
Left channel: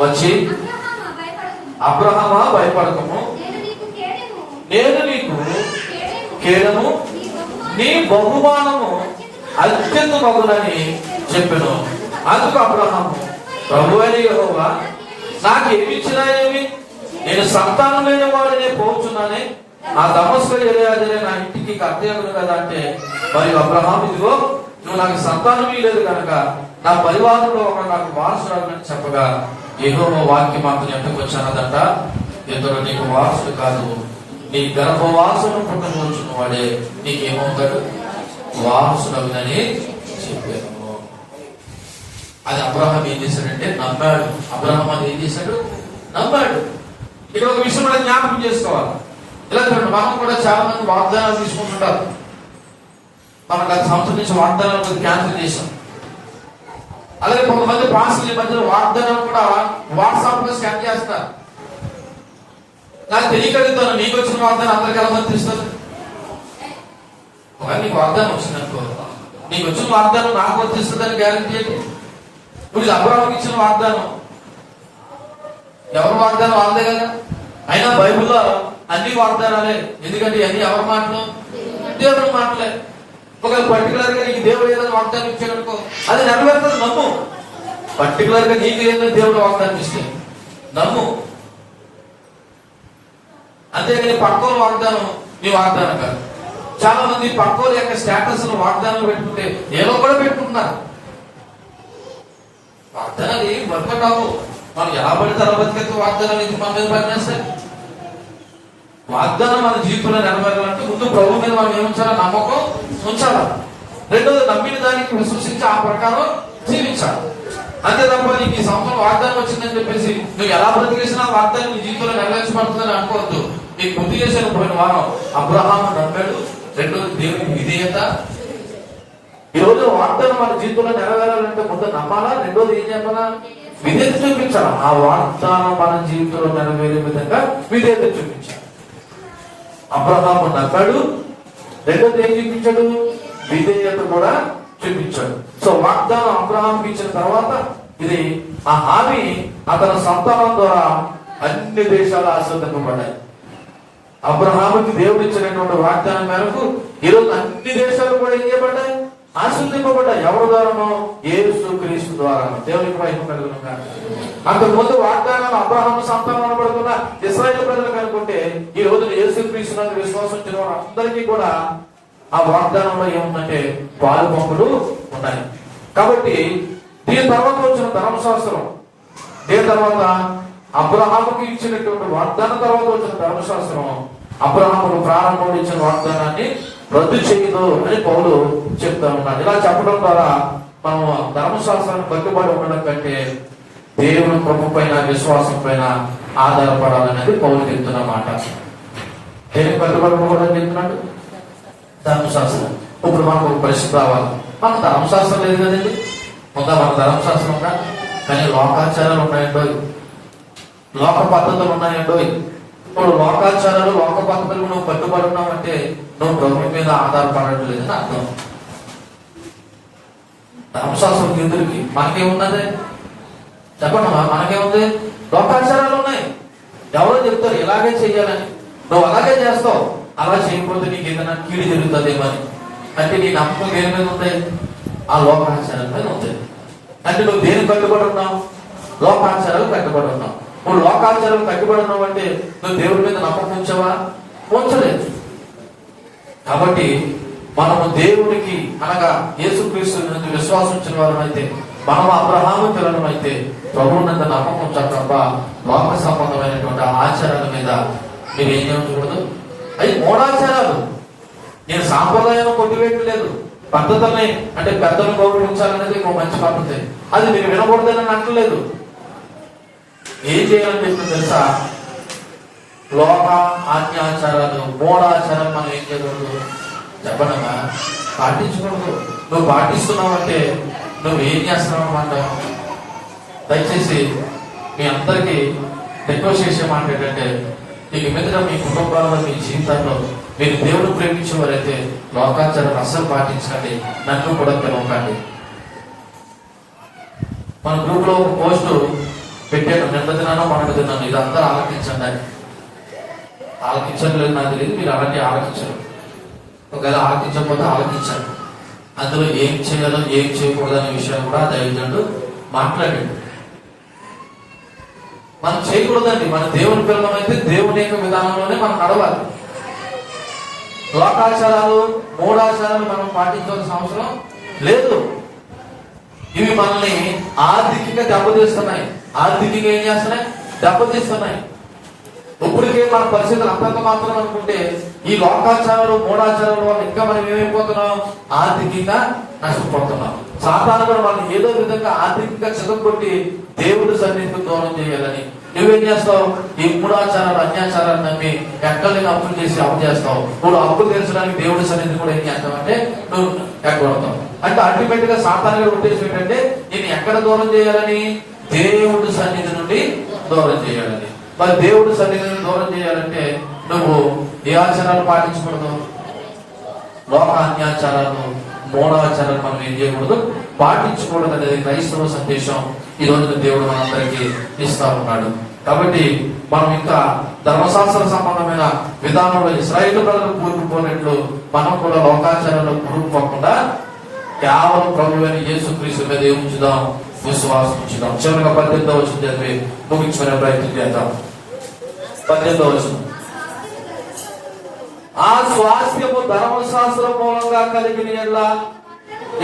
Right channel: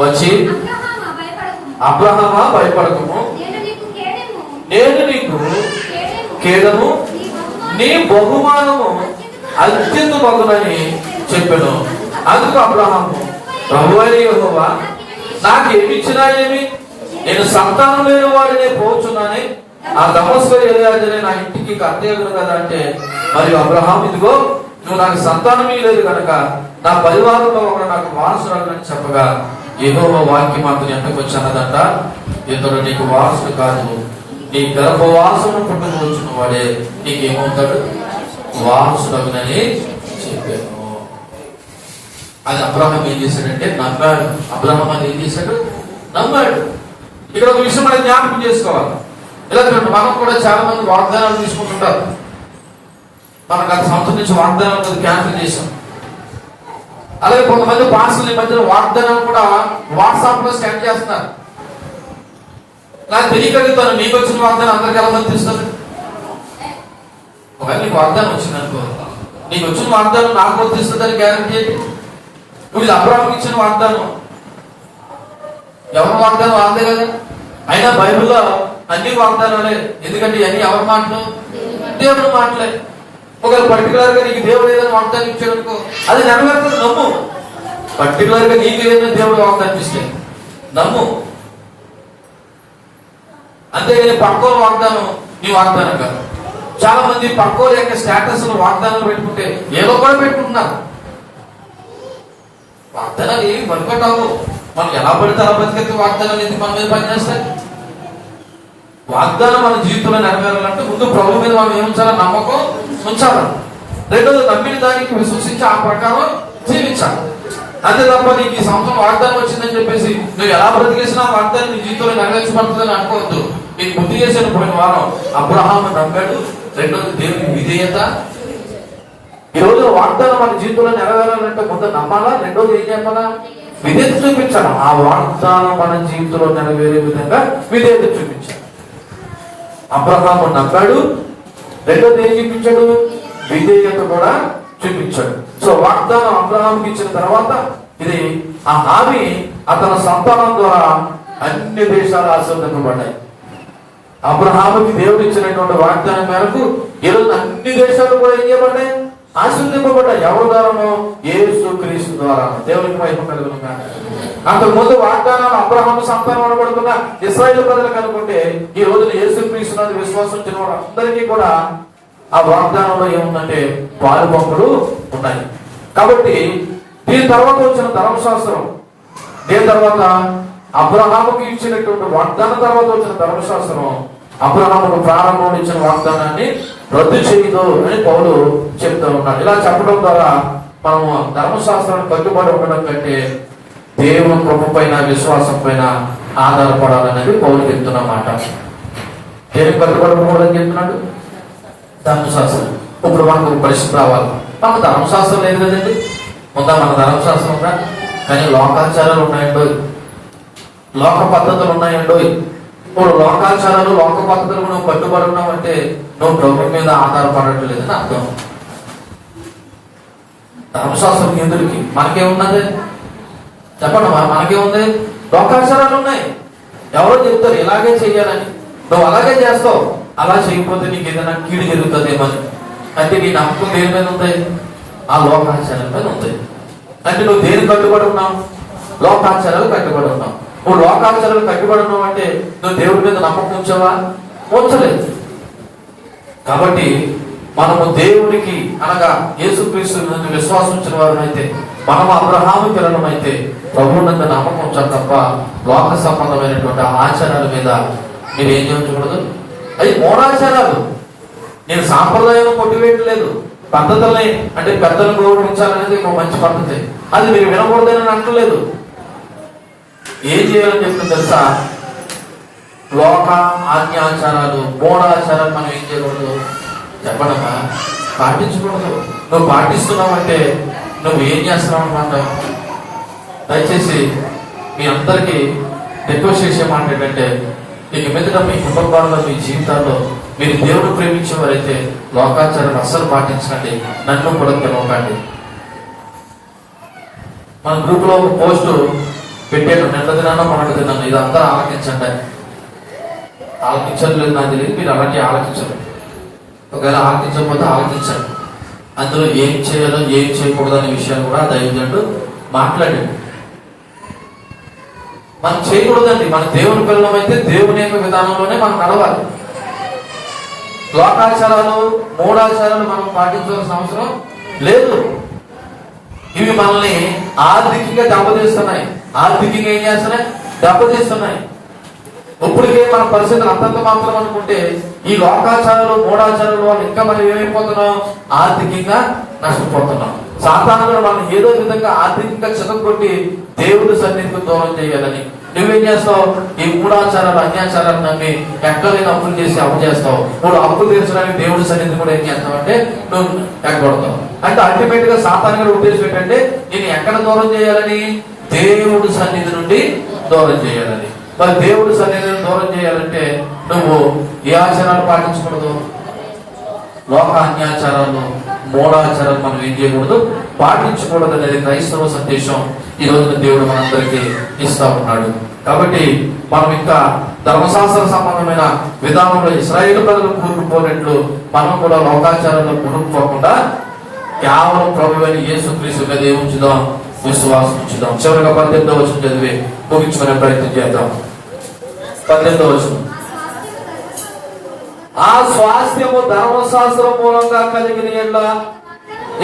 వచ్చి అబ్రహామా భయపడకము, నేను నీకు కేడము నీ బహుమానము అత్యంత మగులని చెప్పాను. అందుకు అబ్రహాము ప్రభువైన యెహోవా నాకు ఏమిచ్చినా ఏమి, నేను సంతానం లేని వాడినే పోచున్నానే, ఆ దమస్కు ఎలియాజరే నా ఇంటికి కర్తయ్యడు కదా అంటే, మరియు అబ్రహాము ఇదిగో నువ్వు నాకు సంతానమే లేదు కనుక నా పరివారంలో ఒకడు నాకు వారసురాలని చెప్పగా యెహోవా వాక్యం మాత్రం ఎంతకు వచ్చినదంట, ఇతడు నీకు వారసుడు కాదు, నీ గర్భవాసను పుట్టబోచున్న వాడే నీకేమవుతాడు, వారసుడని చెప్పాను. అది అబ్రహాం ఏం చేశాడంటే నమ్మాడు. అబ్రహాం అది ఏం చేశాడు? నమ్మాడు. ఇక్కడ ఒక విషయం మనం జ్ఞాపకం చేసుకోవాలి. ఇలా మనం కూడా చాలా మంది వాగ్దానాలు తీసుకుంటుంటారు. మనం గత సంవత్సరం నుంచి వాగ్దానాలు కొద్దిగా క్యాన్సిల్ చేశాం. అలాగే కొంతమంది పాస్టర్ల మధ్యలో వాగ్దానాలు కూడా వాట్సాప్ లో స్కాన్ చేస్తున్నారు. నాకు తెలియగలుగుతాను నీకు వచ్చిన వాగ్దానం అందరికి ఎలా వర్తిస్తుంది? ఒకవేళ నీకు వాగ్దానం వచ్చిందనుకో, నీకు వచ్చిన వాగ్దానం నాకు వర్తిస్తుందని గ్యారంటీ ఏంటి? ఇప్పుడు ఇది అబ్రహాముకి ఇచ్చిన వాగ్దానం, ఎవరి వాగ్దానం వాళ్ళదే కదా. అయినా బైబిల్లో అన్ని వాగ్దానాలే. ఎందుకంటే అన్ని ఎవరి మాటలు? దేవుడి మాటలే. ఒకవేళ పర్టికులర్ గా నీకు దేవుడు ఏదైనా వాగ్దానం ఇచ్చాడనుకో, అది నెరవేరుతుంది, నమ్ము. పర్టికులర్ గా నీకు ఏదైనా దేవుడు వాగ్దానం ఇస్తే నమ్ము. అంతేగాని పక్కోల వాగ్దానం నీ వాగ్దానం కాదు. చాలా మంది పక్కోల యొక్క స్టేటస్ వాగ్దానాలు పెట్టుకుంటే ఏదో కూడా పెట్టుకుంటున్నారు. వాగ్దానాలు ఏమి వర్కౌట్ అవ్వవు. మనం ఎలా పడితే అలా బతికేస్తే వాగ్దానాలు ఎందుకు మన మీద పనిచేస్తాయి? వాగ్దానం మన జీవితంలో నెరవేరాలంటే ముందు ప్రభు మీద మనం ఏముంచాలి? నమ్మకం ఉంచాలి. రెండోది నమ్మిన దానికి విశ్వసించి ఆ ప్రకారం జీవించాలి. అంతే తప్ప నీకు ఈ సంవత్సరం వాగ్దానం వచ్చిందని చెప్పేసి నువ్వు ఎలా బ్రతికేసినా వాగ్దానం నీ జీవితంలో నెరవేర్చబడుతుందని అనుకోవద్దు. నీకు బుద్ధి చేసిన పోయిన వారం అబ్రహాము నమ్మాడు. రెండోది దేవుని విధేయత. ఈ రోజు వాగ్దానం మన జీవితంలో నెరవేరాలంటే ముందు నమ్మాలా, రెండోది ఏం చెప్పాలా? విధేయత చూపించాలి. ఆ వాగ్దానం మన జీవితంలో నెరవేరే విధంగా విధేయత చూపించాలి. అబ్రహాము నమ్మాడు, రెండోది ఏం చూపించాడు? విధేయత కూడా చూపించాడు. సో వాగ్దానం అబ్రహాంకి ఇచ్చిన తర్వాత ఇది ఆ హామీ అతని సంతానం ద్వారా అన్ని దేశాలు ఆశీర్వదింపబడ్డాయి. అబ్రహాముకి దేవుడు ఇచ్చినటువంటి వాగ్దానం మేరకు ఈరోజు అన్ని దేశాలు కూడా ఏం చేయబడ్డాయి? ఆశీర్వదింపబడ్డాయి. ఎవరి ద్వారానో? యేసుక్రీస్తు ద్వారా. దేవునికి మహిమ కలుగును గాక. అంతకుముందు వాగ్దానం అబ్రహాము సంతానం అనబడుతున్న ఇశ్రాయేలు ప్రజలకు అనుకుంటే ఈ రోజు యేసుక్రీస్తు విశ్వాసం వచ్చిన వారందరికీ కూడా ఆ వాగ్దానంలో ఏముందంటే పాలు పంపులు ఉన్నాయి. కాబట్టి దీని తర్వాత వచ్చిన ధర్మశాస్త్రం, దీని తర్వాత అబ్రహాముకి ఇచ్చినటువంటి వాగ్దానం తర్వాత వచ్చిన ధర్మశాస్త్రం అబ్రహాముకు ప్రారంభంలో ఇచ్చిన వాగ్దానాన్ని రద్దు చేయదు అని పౌలు చెప్తూ ఉన్నాడు. ఇలా చెప్పడం ద్వారా మనము ధర్మశాస్త్రాన్ని కట్టుబడి ఉండడం కంటే దేవుని కృప పైన విశ్వాసం పైన ఆధారపడాలనేది పౌలు చెప్తున్నమాట. దేనికి కట్టుబడి ఉండడం చెప్తున్నాడు? ధర్మశాస్త్రం. ఇప్పుడు మనకు పరిస్థితి రావాలి. మాకు ధర్మశాస్త్రం లేదు కదండి. ఉందా? మన ధర్మశాస్త్రం ఉందా? కానీ లోకాచారాలు ఉన్నాయండో, లోక పద్ధతులు ఉన్నాయండో. ఇప్పుడు లోకాచారాలు లోక పద్ధతులు నువ్వు కట్టుబడి ఉన్నావంటే నువ్వు ప్రభు మీద ఆధారపడటం లేదని అర్థం. ధర్మశాస్త్రం ఎదురికి మనకేమున్నది చెప్పండి. మనకేముంది? లోకాచారాలు ఉన్నాయి. ఎవరో చెప్తారు ఇలాగే చెయ్యాలని, నువ్వు అలాగే చేస్తావు. అలా చేయకపోతే నీకు ఏదైనా కీడు జరుగుతుందేమని. అంటే నీ నమ్మకం దేని మీద ఉంది? ఆ లోకాచారాల మీద ఉంది. అంటే నువ్వు దేని కట్టుబడి ఉన్నావు? లోకాచారాలు కట్టుబడి ఉన్నావు. నువ్వు లోకాచారాలు కట్టుబడి ఉన్నావు అంటే నువ్వు దేవుడి మీద నమ్మకం ఉంచావా? ఉంచలేదు. కాబట్టి మనము దేవుడికి అనగా యేసుక్రీస్తు విశ్వాసం ఉంచిన వారు అయితే, మనం అబ్రహాము పిల్లలం అయితే ప్రభువునందు నమ్మకం ఉంచాలి తప్ప లోక సంబంధమైనటువంటి ఆచారాల మీద మీరు ఏం చేయకూడదు. అది మూఢాచారాలు. నేను సాంప్రదాయం కొట్టివేయట్లేదు. పద్ధతుల్ని అంటే పెద్దలు గౌరవించాలనేది ఒక మంచి పద్ధతి. అది మీరు వినకూడదని అంటలేదు. ఏం చేయాలని చెప్తుంది తెలుసా? లోక ఆజ్ఞాచారాలు, మూఢాచారాలు మనం ఏం చేయకూడదు చెప్పనమ్మా, పాటించకూడదు. నువ్వు పాటిస్తున్నావంటే నువ్వు ఏం చేస్తున్నావు అన్నమాట. దయచేసి మీ అందరికీ రిక్వెస్ట్ చేసే మాట ఏంటంటే, ఇక మీద మీ కుటుంబాల్లో మీ జీవితాల్లో మీరు దేవుడు ప్రేమించేవారైతే లోకాచారాలు అస్సలు పాటించండి. నన్ను కూడా పిలవకండి. మన గ్రూప్ లో ఒక పోస్టు పెట్టాను, నిన్న దినానో మనకు దినాను. ఇదంతా ఆలకించండి. ఆలకించలేదు నాకు తెలియదు, మీరు అలాంటి ఆలకించరు. ఒకవేళ ఆలకించకపోతే ఆలకించండి. అందులో ఏం చేయాలో ఏం చేయకూడదు అనే విషయాలు కూడా దైవజనుడు మాట్లాడండి. మనం చేయకూడదండి. మన దేవుని పిల్లలం అయితే దేవుని యొక్క విధానంలోనే మనం నడవాలి. లోకాచారాలు మూఢాచారాలు మనం పాటించాల్సిన అవసరం లేదు. ఇవి మనల్ని ఆర్థికంగా దెబ్బతీస్తున్నాయి. ఆర్థికంగా ఏం చేస్తున్నాయి? దెబ్బతీస్తున్నాయి. ఇప్పటికే మన పరిస్థితులు అంతంత మాత్రం అనుకుంటే ఈ లోకాచారాలు మూఢాచారాల వల్ల ఇంకా మనం ఏమైపోతున్నాం? ఆర్థికంగా నష్టపోతున్నాం. సాధారణ కూడా మనం ఏదో విధంగా ఆర్థికంగా చితకొట్టి దేవుడి సన్నిధికి దూరం చేయాలని నువ్వేం చేస్తావు? ఈ మూఢాచారాలు అన్యాచారాలు నమ్మి ఎక్కడైనా అప్పులు చేసి అప్పు చేస్తావు. నువ్వు అప్పు తీర్చడానికి దేవుడి సన్నిధి కూడా ఏం చేస్తావు అంటే నువ్వు ఎక్కడతావు. అంటే అల్టిమేట్ గా సాధారణంగా ఉద్దేశం ఏంటంటే నేను ఎక్కడ దూరం చేయాలని? దేవుడి సన్నిధి నుండి దూరం చేయాలని. మరి దేవుడి సన్నిధిని దూరం చేయాలంటే నువ్వు ఏ ఆచారాలు పాటించకూడదు? లోక అన్యాచారాలు మూఢాచారాలు మనం ఏం చేయకూడదు, పాటించకూడదు అనేది క్రైస్తవ సందేశం ఈ రోజున దేవుడు మనందరికీ ఇస్తా ఉన్నాడు. కాబట్టి మనం ఇంకా ధర్మశాస్త్ర సంబంధమైన విధానంలో ఇశ్రాయేలు ప్రజలు కూరుకుపోయినట్లు మనం కూడా లోకాచారంలో కూరుకుపోకుండా కేవలం ప్రభువైన యేసుక్రీస్తు మీద ఏముంచుదాం, విశ్వాసం ఉంచుదాం. చివరిగా 18వ వచనం చదివి ముగించుకునే ప్రయత్నం చేద్దాం. 18వ వచనం. ఆ స్వాస్థ్యము ధర్మశాస్త్రం మూలంగా కలిగిన ఎడల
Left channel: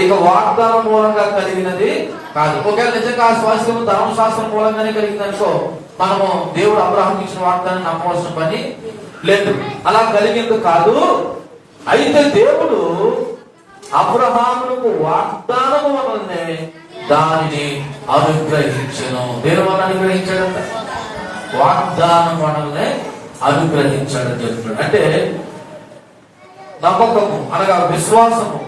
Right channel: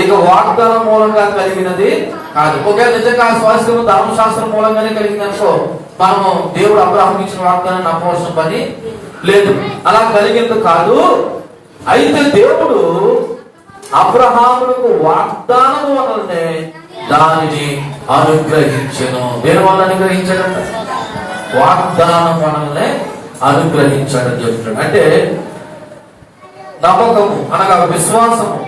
ఇక వాగ్దానం మూలంగా కలిగినది కాదు. ఒకవేళ నిజంగా ఆ స్వాస్థ్యము ధర్మశాస్త్రం మూలంగానే కలిగింది అనుకో, మనము దేవుడు అబ్రహాముకి ఇచ్చిన వాగ్దానం నమ్మవలసిన పని లేదు. అలా కలిగినది కాదు. అయితే దేవుడు అబ్రహాములకు వాగ్దానం వలనే దానిని అనుగ్రహించను. దేని వల్ల అనుగ్రహించాడంట? వాగ్దానం వలనే అనుగ్రహించాడని చెప్తున్నాడు. అంటే నమ్మకము అనగా విశ్వాసము,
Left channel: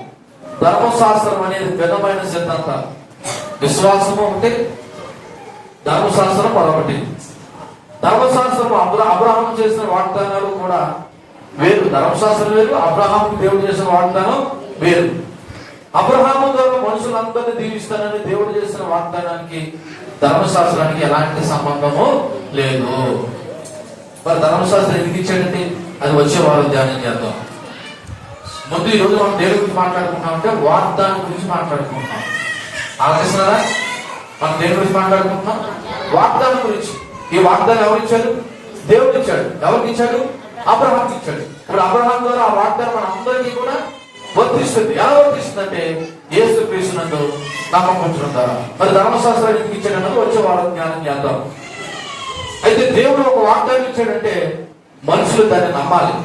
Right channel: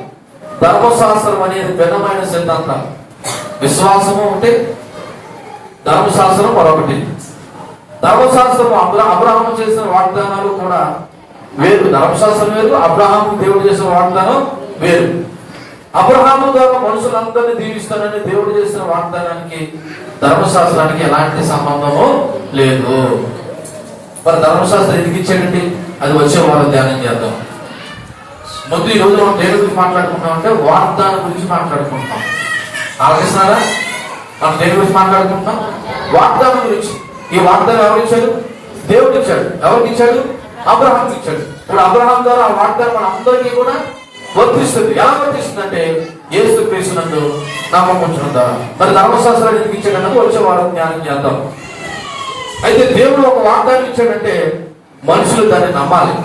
ధర్మశాస్త్రం అనేది భిన్నమైన సిద్ధాంతం. విశ్వాసము అంటే ధర్మశాస్త్రం మరొకటి. ధర్మశాస్త్రం అబ్రహాము చేసిన వాగ్దానాలు కూడా వేరు. ధర్మశాస్త్రం వేరు, అబ్రహాము దేవుడు చేసిన వాగ్దానం వేరు. అబ్రహాము ద్వారా మనుషులందరినీ దీవిస్తానని దేవుడు చేసిన వాగ్దానానికి ధర్మశాస్త్రానికి ఎలాంటి సంబంధము లేదు. మరి ధర్మశాస్త్రం ఎందుకు ఇచ్చాడండి? అది వచ్చే వాళ్ళు ధ్యానం చేద్దాం. ముందు ఈ రోజు మనం దేని గురించి మాట్లాడుకుంటాం అంటే వాగ్దానం గురించి మాట్లాడుకుంటాం. ఆలోచిస్తున్నారా? మనం దేని గురించి మాట్లాడుకుంటాం? వాగ్దానం గురించి. ఈ వాగ్దానం ఎవరు ఇచ్చారు? దేవుడు ఇచ్చాడు. ఎవరికి ఇచ్చాడు? అబ్రహాంకి ఇచ్చాడు. ఇప్పుడు అబ్రహాం ద్వారా ఆ వాగ్దానం మన అందరికీ కూడా వర్తిస్తుంది. ఎలా వర్తిస్తుంది అంటే యేసుక్రీస్తు నందు నమ్మకం ఉంచడం ద్వారా. మరి ధర్మశాస్త్రాన్ని ఎందుకు ఇచ్చాడన్నది వచ్చే వారం జ్ఞానం చేద్దాం. అయితే దేవుడు ఒక వాగ్దానం ఇచ్చాడంటే మనుషులు దాన్ని నమ్మాలి.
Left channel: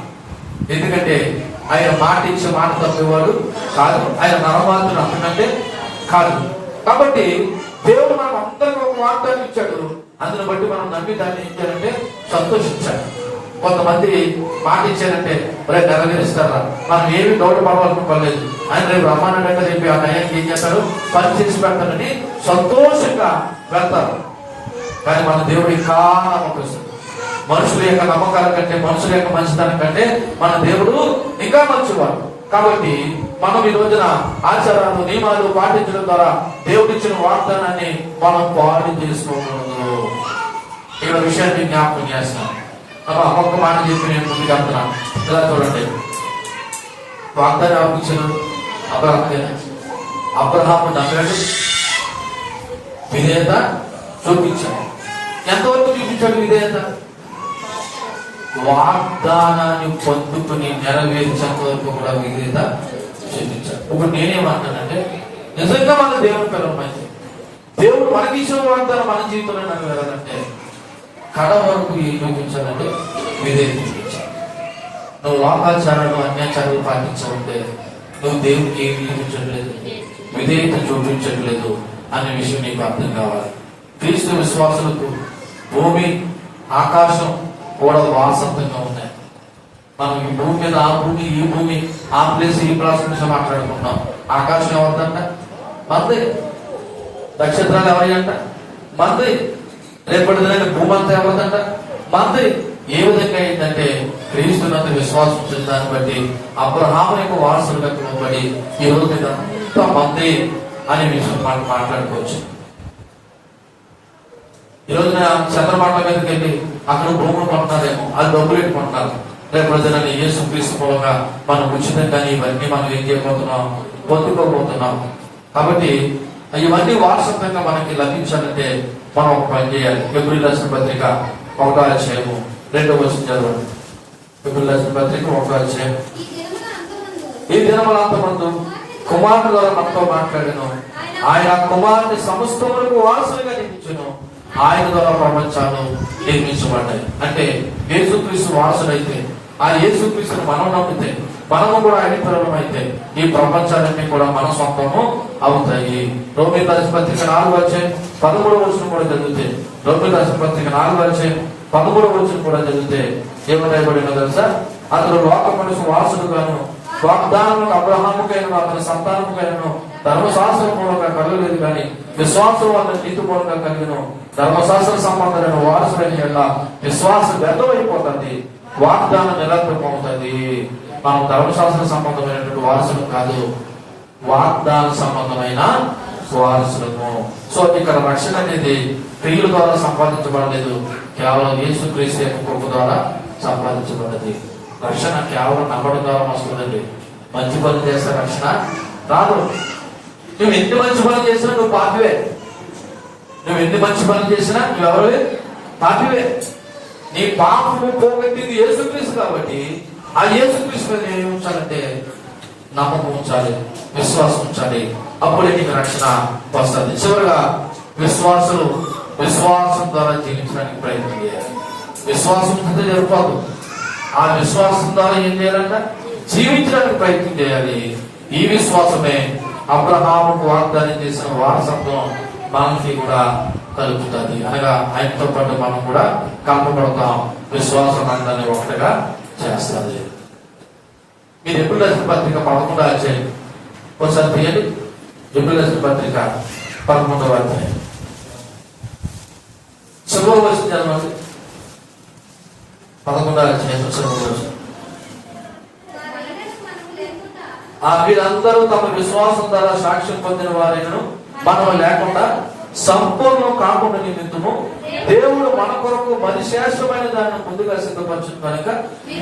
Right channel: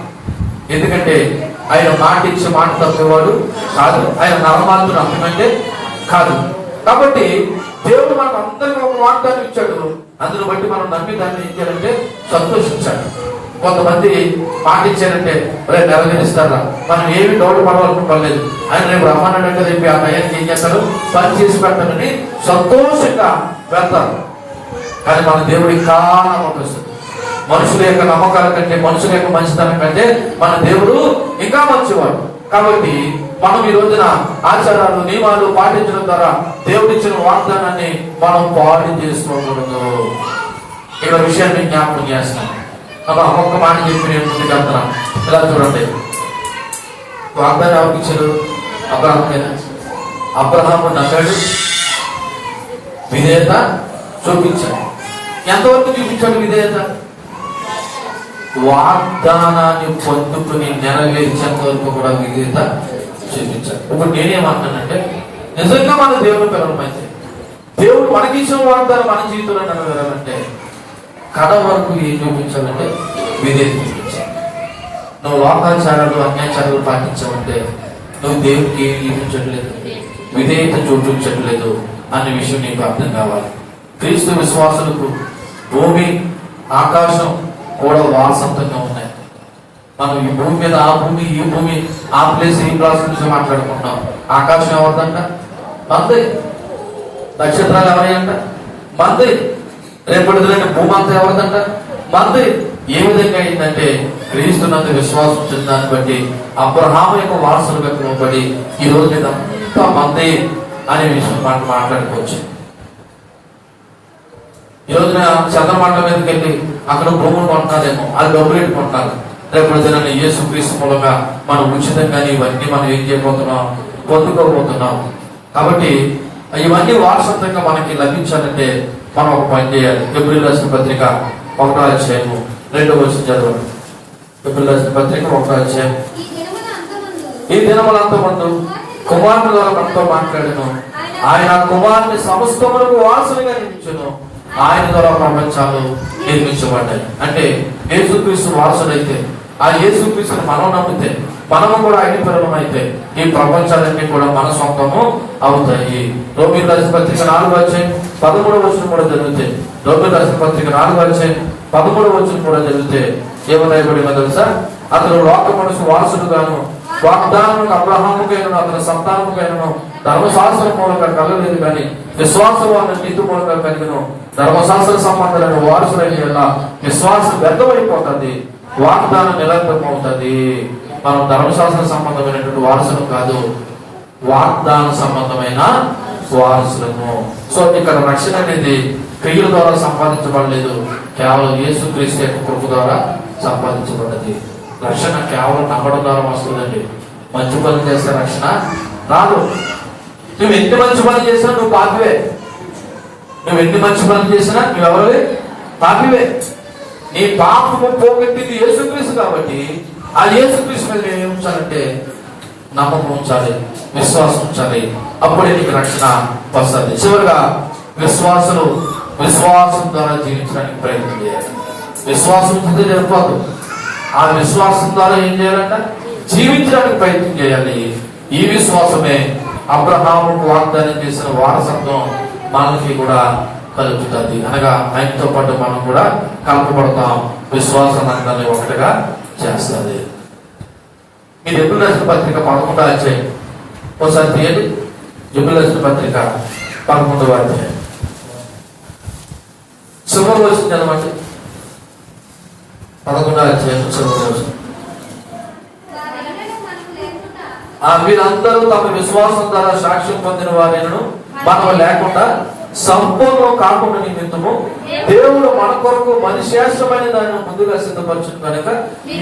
ఎందుకంటే ఆయన మాట ఇచ్చి మాట తప్పేవాడు కాదు. ఆయన నమ్మమాలతో నమ్మకంటే కాదు. కాబట్టి దేవుడు మనకు అందరికీ ఒక వాగ్దానం ఇచ్చాడు. అందును బట్టి మనం నమ్మి దాన్ని ఏం చేయాలంటే సంతోషించాలి. కొంతమంది మాట ఇచ్చారంటే రేపు నెలగనిస్తారా, మనం ఏమి డౌట్ పడవలనుకోలేదు, ఆయన రేపు రమ్మన్నట్టు రేపు ఆ నయానికి ఏం చేస్తారు, పని చేసి పెడతారని సంతోషంగా వెళ్తారు. కానీ మన దేవుడు ఇంకా నమ్మకం. మనుషుల యొక్క నమ్మకాల కంటే, మనుషుల యొక్క మంచితనం కంటే మన దేవుడు ఇంకా మంచివాడు. కాబట్టి మనం ఈ రోజున ఆచారాలు, నియమాలు పాటించడం ద్వారా దేవుడు ఇచ్చిన వాగ్దానాన్ని మనం పాడు చేసుకోకూడదు. ఇక్కడ విషయాన్ని జ్ఞాపకం చేస్తున్నాం. ఒక్క మాట చెప్పి నేను ముందుకు వెళ్తున్నాం. ఇలా చూడండి, వాగ్దానం ఎవరికి ఇచ్చారు? అబ్రహాము నమ్మాడు, విధేయత చూపించాడు. ఎంతవరకు చూపించాడు విధేయత? వాగ్దానాన్ని పొందుకుని నెరవేర్చేంత వరకు కూడా విధేయత చూపించాడు. ఇప్పుడు నేనేమంటానంటే నిజంగా మన దేవుడు పిల్లల మంచి దేవుడు మనకి ఇచ్చిన వాగ్దానం మన జీవితంలో నెరవేరాలంటే కడ వరకు ఏం చూపించాలంటే విధేయత చూపించాలి. నువ్వు లోకాచారాలు, అన్యాచారాలు పాటించాలంటే నువ్వు దేవుడికి ఏమి చూపించట్లేదు, విధేయత చూపించట్లేదు అనే విషయం నీకు అర్థం కావాలి. క్రీస్తు విశ్వాసులకు భూమి ఆకాశం కూడా వారసత్వంగా ఉన్నాయి. మనం ఈ భూమి మీద ఆ భూమి, ఈ భూమి, ఆ ప్లేస్, ఈ ప్లేస్ గురించి మాట్లాడుకుంటాం. ఆకాశం ఎవరిదంట? మంది. నక్షత్రాలు ఎవరంట? మంది. రేపటి దిన భూమి అంతా ఎవరిదంట? మంది. ఏ విధంగా ఏంటంటే క్రీస్తునందు విశ్వాసం వచ్చిన దాన్ని బట్టి అబ్రహాము యొక్క వారసులుగా పిలువబడి ఈ రోజు మీద అంతా మంది అనే విషయం మనం మాట్లాడుకోవచ్చు. ఈ రోజున చంద్రమండ మీదకి వెళ్ళి అక్కడ భూములు కొంటున్నారేమో, అది డబ్బులు పెట్టుకుంటున్నారు. రేపు దిన యేసుక్రీస్తు మూలంగా మనం ఉచితంగా ఇవన్నీ మనం ఏం చేయబోతున్నాం, పొందుకోబోతున్నాం. కాబట్టి ఇవన్నీ వారసత్వంగా మనకి లభించాలంటే మనం ఒక పని చేయాలి. ఏప్రిల్ రాసిన పత్రిక 1వ అధ్యాయము 2వ వచనం చదవండి. ఏప్రిల్ రాసిన పత్రిక 1వ అధ్యాయం. ఈ దినములంతమందు కుమారుని ద్వారా మనతో మాట్లాడాను. ఆయన కుమారుని సమస్తములకు వారసునిగా నియమించును. ఆయన ద్వారా ప్రపంచాలు నిర్మించబడ్డాయి. అంటే యేసుక్రీస్తు వారసుడైతే, ఆ యేసుక్రీస్తుని మనం నమ్మితే, మనము కూడా ఆయన పిల్లలం అయితే ఈ ప్రపంచాలన్నీ కూడా మన సొంతము అవుతాయి. రోమియోలు రాసిన పత్రిక 4వ అధ్యాయం 13వ వచనం కూడా జరిగితే, రోమియోలు రాసిన పత్రిక 4వ అధ్యాయం 13వ వచనం కూడా జరిగితే ఏమరాయబడినా తెలుసా? అతడు లోక మనుషు వారసుడుగాను వాగ్దానము అబ్రహాముకైనా అతని సంతానముకైనా ధర్మశాస్త్రం మూలంగా కలగలేదు, కానీ విశ్వాసం అతని నీతి మూలంగా కలిగిన ధర్మశాస్త్ర సంబంధమైన వారసులైన విశ్వాసం వ్యర్థమైపోతుంది, వాగ్దానం నిరంతరం అవుతుంది. మనం ధర్మశాస్త్ర సంబంధమైనటువంటి వారసులు కాదు, వాగ్దాన సంబంధమైన వారసులము. సో ఇక్కడ రక్షణ అనేది క్రియల ద్వారా సంపాదించబడలేదు, కేవలం యేసుక్రీస్తు యొక్క కృప ద్వారా సంపాదించబడింది. రక్షణ కేవలం నమ్మడం ద్వారా వస్తుందండి. మంచి పనులు చేస్తే రక్షణ రాదు. నువ్వు ఎన్ని మంచి పనులు చేసినా నువ్వు పాపివే. నువ్వు ఎన్ని మంచి పనులు చేసినా నువ్వెవరివే? పాపివే. నీ పాపము పోగొట్టింది యేసుక్రీస్తు కాబట్టి ఆ యేసుక్రీస్తు మీద ఏమి ఉంచాలంటే నమ్మకం ఉంచాలి, విశ్వాసం ఉంచాలి. అప్పుడే నీకు రక్షణ వస్తుంది. చివరిగా విశ్వాసం ద్వారా జీవించడానికి ప్రయత్నం చేయాలి. విశ్వాసం ఉంటే సరిపోదు. ఆ విశ్వాసం ద్వారా ఏం చేయాలంట? జీవించడానికి ప్రయత్నం చేయాలి. ఈ విశ్వాసమే అబ్రహాముకు వాగ్దానం చేసిన వారసత్వం మనకి కూడా కలుగుతుంది. అనగా ఆయనతో పాటు మనం కూడా కలపబడతాం. విశ్వాసం అందరినీ ఒకటిగా చేస్తుంది. మీరు ఎప్పుడు రాసిన పత్రిక 11వ అధ్యాయం ఒకసారి తీయండి. ఎప్పుడు రాసిన పత్రిక 11వ అధ్యాయం చివరి రోజు చదవండి. 11వ అధ్యాయం చివరి రోజు. వీరందరూ తమ విశ్వాసం ద్వారా సాక్ష్యం పొందిన వారిను మనం లేకుండా సంపూర్ణం కాకుండా నిమిత్తము దేవుడు మన కొరకు మరి శ్రేష్టమైన దానిని ముందుగా సిద్ధపరచును కనుక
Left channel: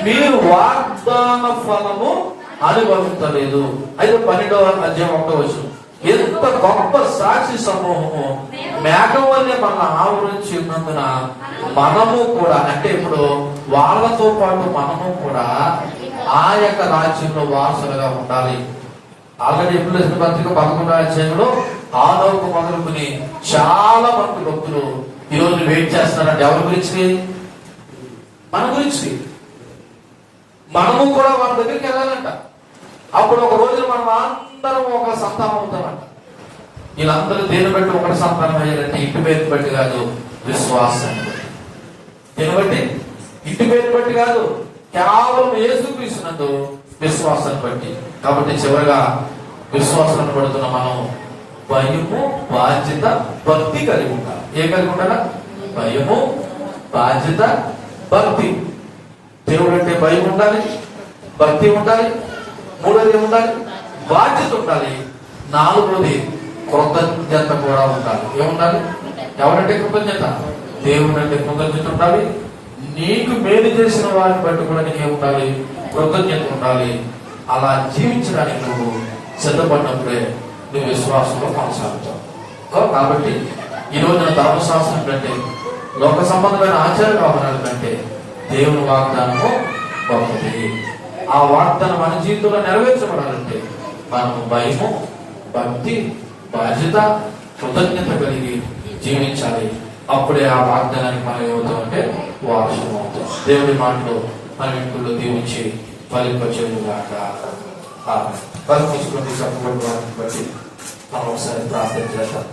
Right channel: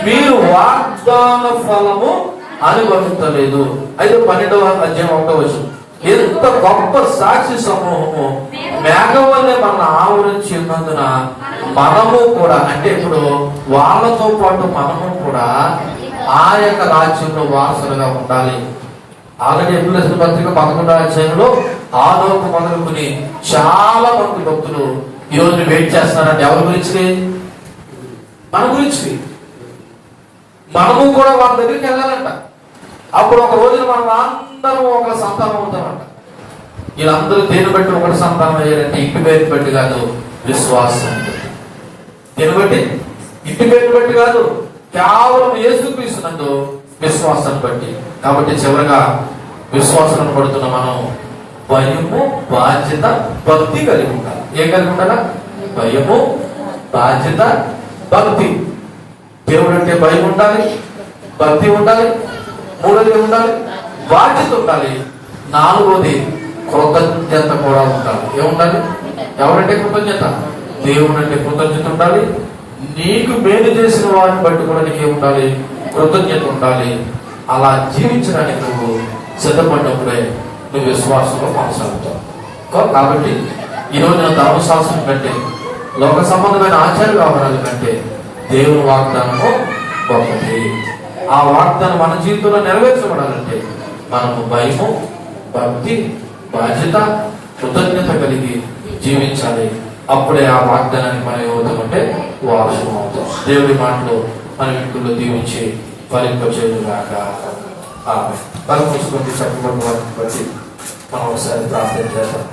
మీరు వాగ్దాన ఫలము అనుభవించలేదు. అయితే 12వ అధ్యాయం 1వ వచనం. ఎంత గొప్ప సాక్షి సమూహము మేఘం వల్లే మన ఆవరించి ఉన్నందున మనము కూడా, అంటే ఇప్పుడు వాళ్ళతో పాటు మనము కూడా ఆ యొక్క రాజ్యంలో వారసులుగా ఉండాలి. ఆల్రెడీ ఎప్పుడు పత్రిక 11వ అధ్యాయంలో ఆలోపు మొదలుకుని చాలా మంది భక్తులు ఈ రోజు వెయిట్ చేస్తున్నారంటే ఎవరి గురించి? మన గురించి. మనము కూడా వాళ్ళ దగ్గరికి వెళ్ళాలంట. అప్పుడు ఒక రోజు మనం అందరం ఒక సంతానం అవుతామంట. వీళ్ళందరూ దేని బట్టి ఒకటి సంతానం అయ్యారంటే ఇంటి పేరు బట్టి కాదు, విశ్వాసం. దేని బట్టి? ఇంటి పేరు బట్టి కాదు, కేవలం యేసుక్రీస్తునందు విశ్వాసం బట్టి. కాబట్టి చివరగా విశ్వాసం పడుతున్న మనం భయము, బాధ్యత, భక్తి కలిగి ఉండాలి. ఏం కలిగి ఉండాలా? భయము, బాధ్యత, భక్తి. దేవుడు అంటే భయం ఉండాలి, భక్తి ఉండాలి, మూడోది ఉండాలి, బాధ్యత ఉండాలి, నాలుగోది కృతజ్ఞత కూడా ఉండాలి. ఏముండాలి? ఎవరంటే కృతజ్ఞత? దేవుడు అంటే కృతజ్ఞత ఉండాలి. నీకు మేలు చేసిన వారిని బట్టి కూడా నీకు ఏముండాలి? కృతజ్ఞత ఉండాలి. అలా జీవించడానికి నువ్వు సిద్ధపడినప్పుడే నువ్వు విశ్వాసంలో కొనసాగుతావు. కాబట్టి ఈ రోజున ధర్మశాస్త్రం కంటే, లోక సంబంధమైన ఆచార వ్యవహారాల కంటే దేవుని వాగ్దానము ఒకటి. ఆ వాగ్దానం మన జీవితంలో నెరవేర్చబడాలంటే మనము భయము, భక్తి, బాధ్యత, కృతజ్ఞత కలిగి జీవించాలి. అప్పుడే ఆ వాగ్దానానికి మనం ఏమవుతామంటే వారసులం అవుతాం. దేవుడి మాటలు మన ఇంట్లో దీవించి ఫలింపచేయుగాక. పరమేశ్వరుని చెప్పబడిన వాటిని బట్టి మనం ఒకసారి ప్రార్థన చేద్దాం.